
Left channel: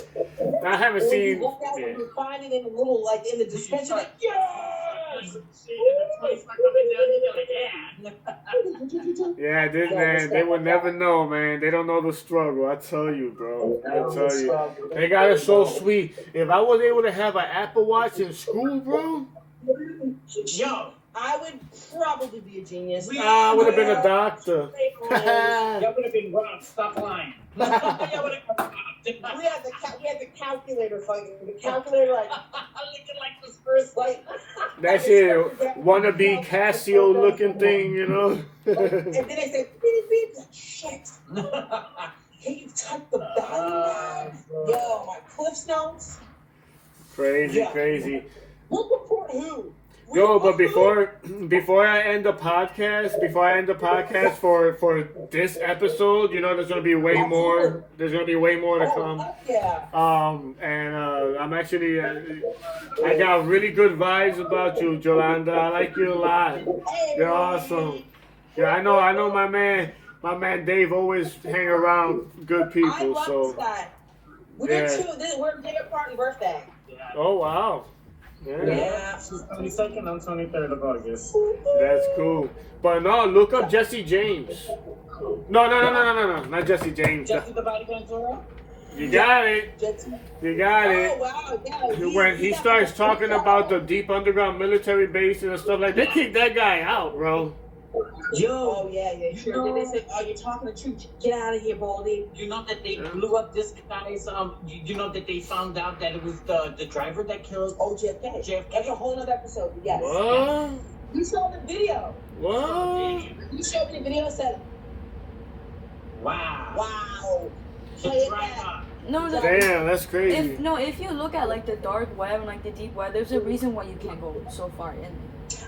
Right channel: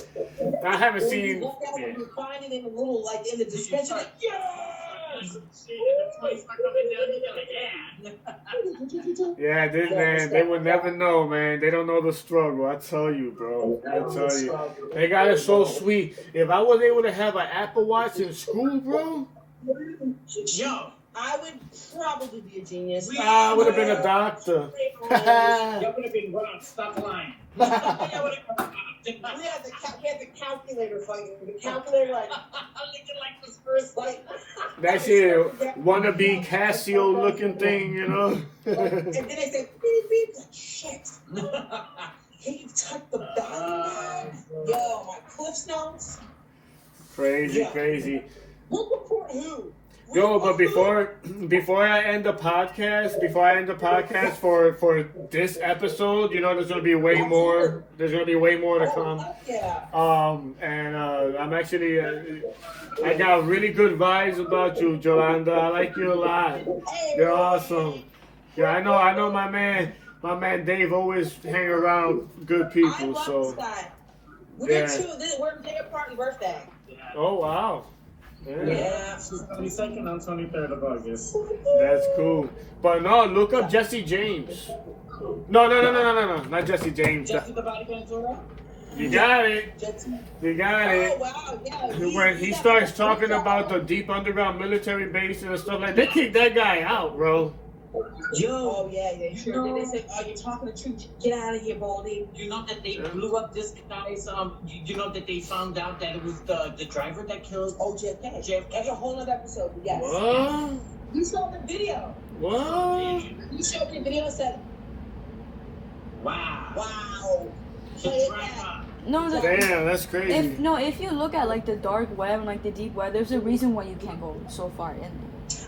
I haven't When seen. you look at it, you find it in the little like in the description, like yes. Yeah, this man, they would never know, man. They don't know the struggle. I tell you, bro. I tell you, they got it so sweet. If I was able to have an Apple Watch in school, bro, Yo, I would probably be a genius. I would have been a doctor. that would have been Ron. Stop lying. We had the calculator fucking the calculator like Looking like this first like That shit wannabe Casio looking thing, you know. and then they say beep beep like shit. Can you type the value? Yo, my Cliff's notes. Crazy. Look report who? Yo, but before I end the podcast for this episode, you know, there's gonna be way more. There's gonna be way more to come. Yeah. And I'm actually, I got really good vibes about you, Jolanda. I like you a lot. You're awesome. Yeah, I know. My man Dave always hang around good people. So We're day apart and birthday. oh wow. Yeah. 22nd on 23rd of August. That's cool. But no, look up Jesse James. No, not Jesse James. Jesse the Body Ventura? You got it. Jesse. You got it. Oh, wow. Yeah, When he starts talking about the deep underground military bases and stuff like that, they kicked that guy out, bro. Yo, oh yeah, sure. Then they say, "Oh, you're talking the truth. Get out of here, Baldy." You know that they blew up this guy's. You know that they found out that it was the driver that killed. Oh, JFK. That's a whole other episode. But yes. What? You saw the video. What? You showed me the video and said, Wow. "Wow." The Play it driver. back. No, no. Damn, that's crazy. If you look at like the dark web and like the deep web, there's a reason why you can't go so far in there.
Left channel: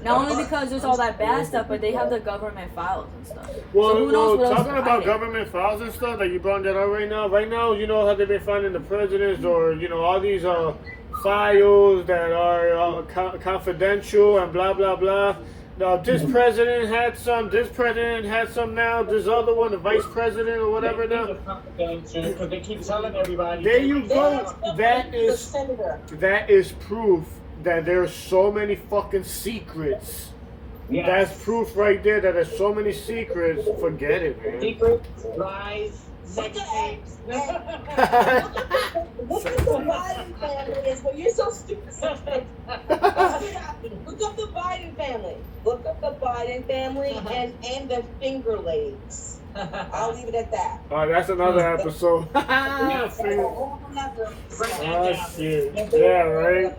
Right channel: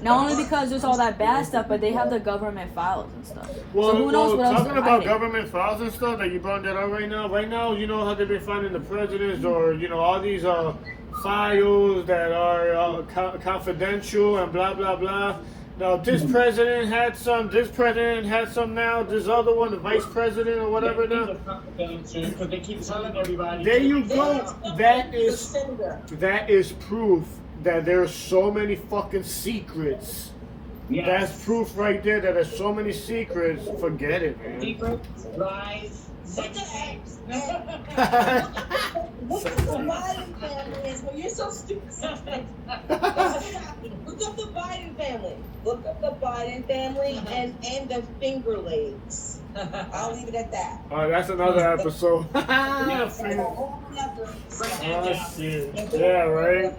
Not only because there's all that bad stuff, but they have the government files and stuff. Well, So who knows what else talking they're about hiding. government files and stuff that you brought that out right now. Right now, you know how they've been finding the presidents or all these files that are confidential and blah blah blah. Now this president had some. This president had some. Now this other one, the vice president or whatever. Now Because they keep telling everybody. there you go. That is proof that there's so many fucking secrets. Yes. That's proof right there that there's so many secrets. Forget it, man. Secrets, lies, sex tapes. Look at the Biden family. Well, you're so stupid. Look up the Biden family. Look up the Biden family and the finger legs. I'll leave it at that. Oh, that's another episode. Oh shit. Yeah, right.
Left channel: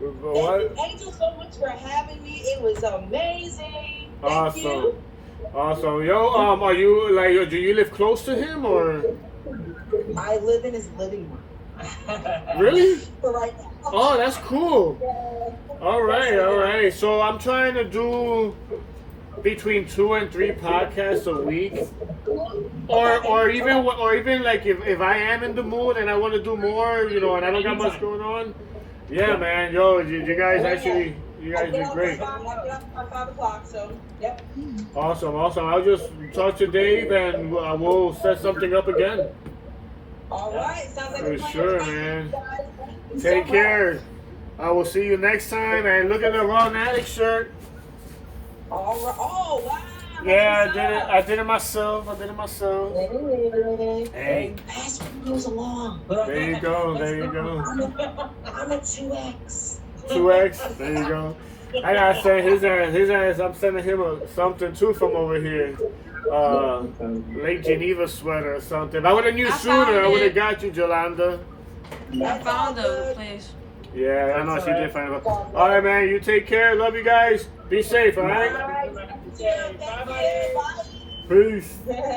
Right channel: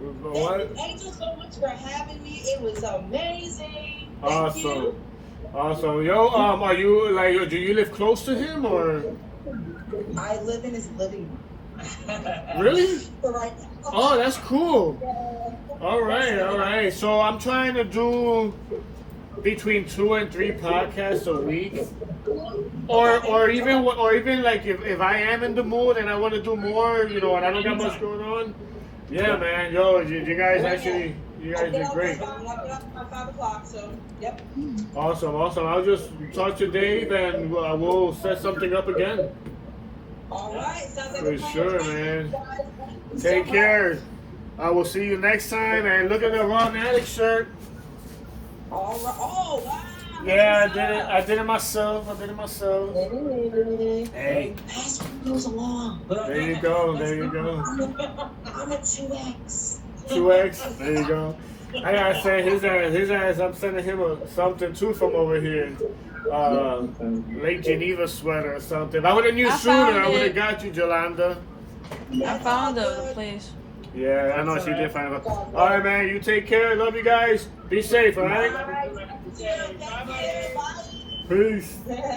What? Thank you so much for having me. It was amazing. Thank Awesome. you. Awesome. Yo, are you like, do you live close to him or? I live in his living room. Really? For right now. Oh, that's cool. All right. So I'm trying to do between 2 and 3 podcasts a week, or even like if I am in the mood and I want to do more, and I don't got much going on. Yeah, man. Yo, you guys did great. By 5 o'clock, so yep. Awesome. I'll just talk to Dave and we'll set something up again. All right, sounds like For a plan. sure, man. Take care. I will see you next time. And look at the RAW-NATIK shirt. All right. Oh, wow. Yeah, I did it myself. Hey, Pass those along. there you go. I'm a 2X. 2X. There you go. I gotta say his ass. I'm sending him something too from over here. Lake Geneva sweater or something. If I would have knew sooner, I would have got you, Jolanda. I found the place. Yeah, I know she did find it. All right, man. You take care. Love you guys. Be safe. All right. Bye. Peace.